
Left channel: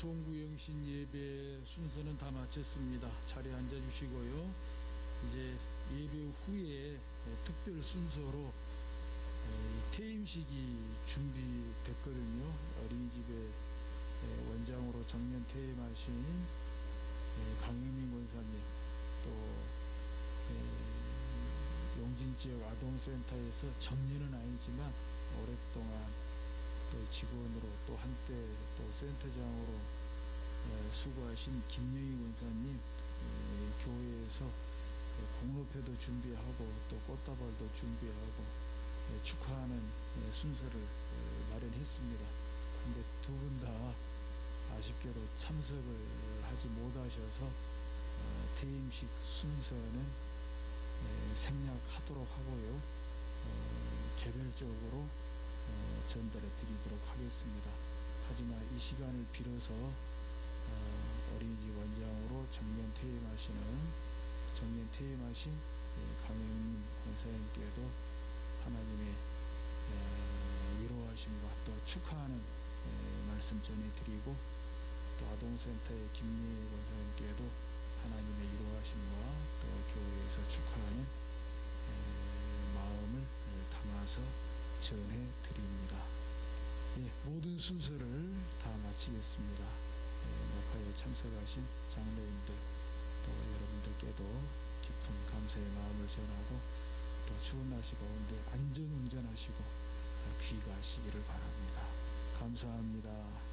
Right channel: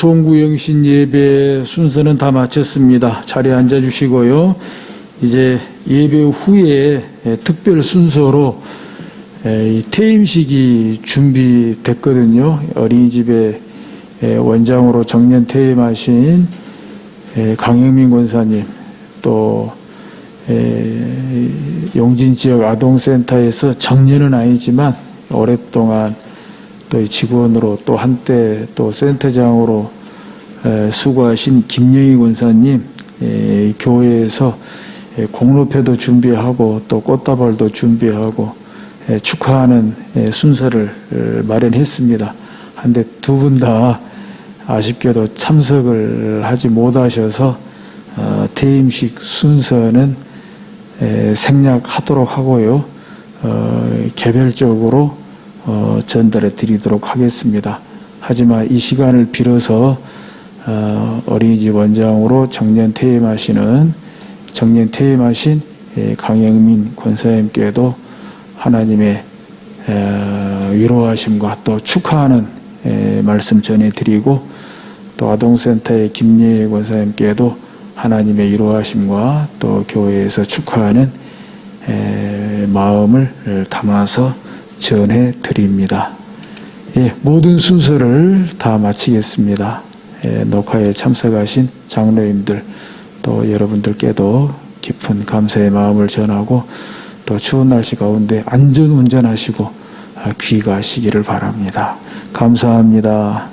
송구영신 예배 순서는 다 마쳤습니다. 자리에 앉아주시고요. 이제 예배 후에 특별 순서로 이 퇴임식이 준비됐거든요. 어린이집에 원장으로 정년 퇴임하신 강영민 권사님, 또 용진 지역 아동센터에서 정년은 아니지만 오랫동안 또 직원으로 또 한때 또 센터장으로 수고하신 김영희 권사님, 교회에서 공로패도 준비하고 또 꽃다발도 준비하고 축하하는 순서를 마련했습니다. 한데 두 분 다 아쉽게도 참석을 하지 못하셔서 퇴임식 순서는 생략하도록 하고요. 개별적으로 전달해 드리도록 하겠습니다. 하지만 이 시간을 빌어서 어린이집 원장으로 정년 퇴임하신 강영민 권사님께도 하나님의 위로하심과 또 축하하는 말씀 전해드리고, 또 아동센터의 김예희 권사님께도 하나님의 위로하심과 또 교회에서 축하하는 마음을 담아서 전해드립니다. 모든 순서를 다 마치겠습니다. 녹화에 참석하신 장로님들 또 여러분들께도 깊은 감사의 마음을 전하고, 또 추운 날씨 가운데 안전 운전하시고 귀가하시기를 바랍니다. 감사합니다.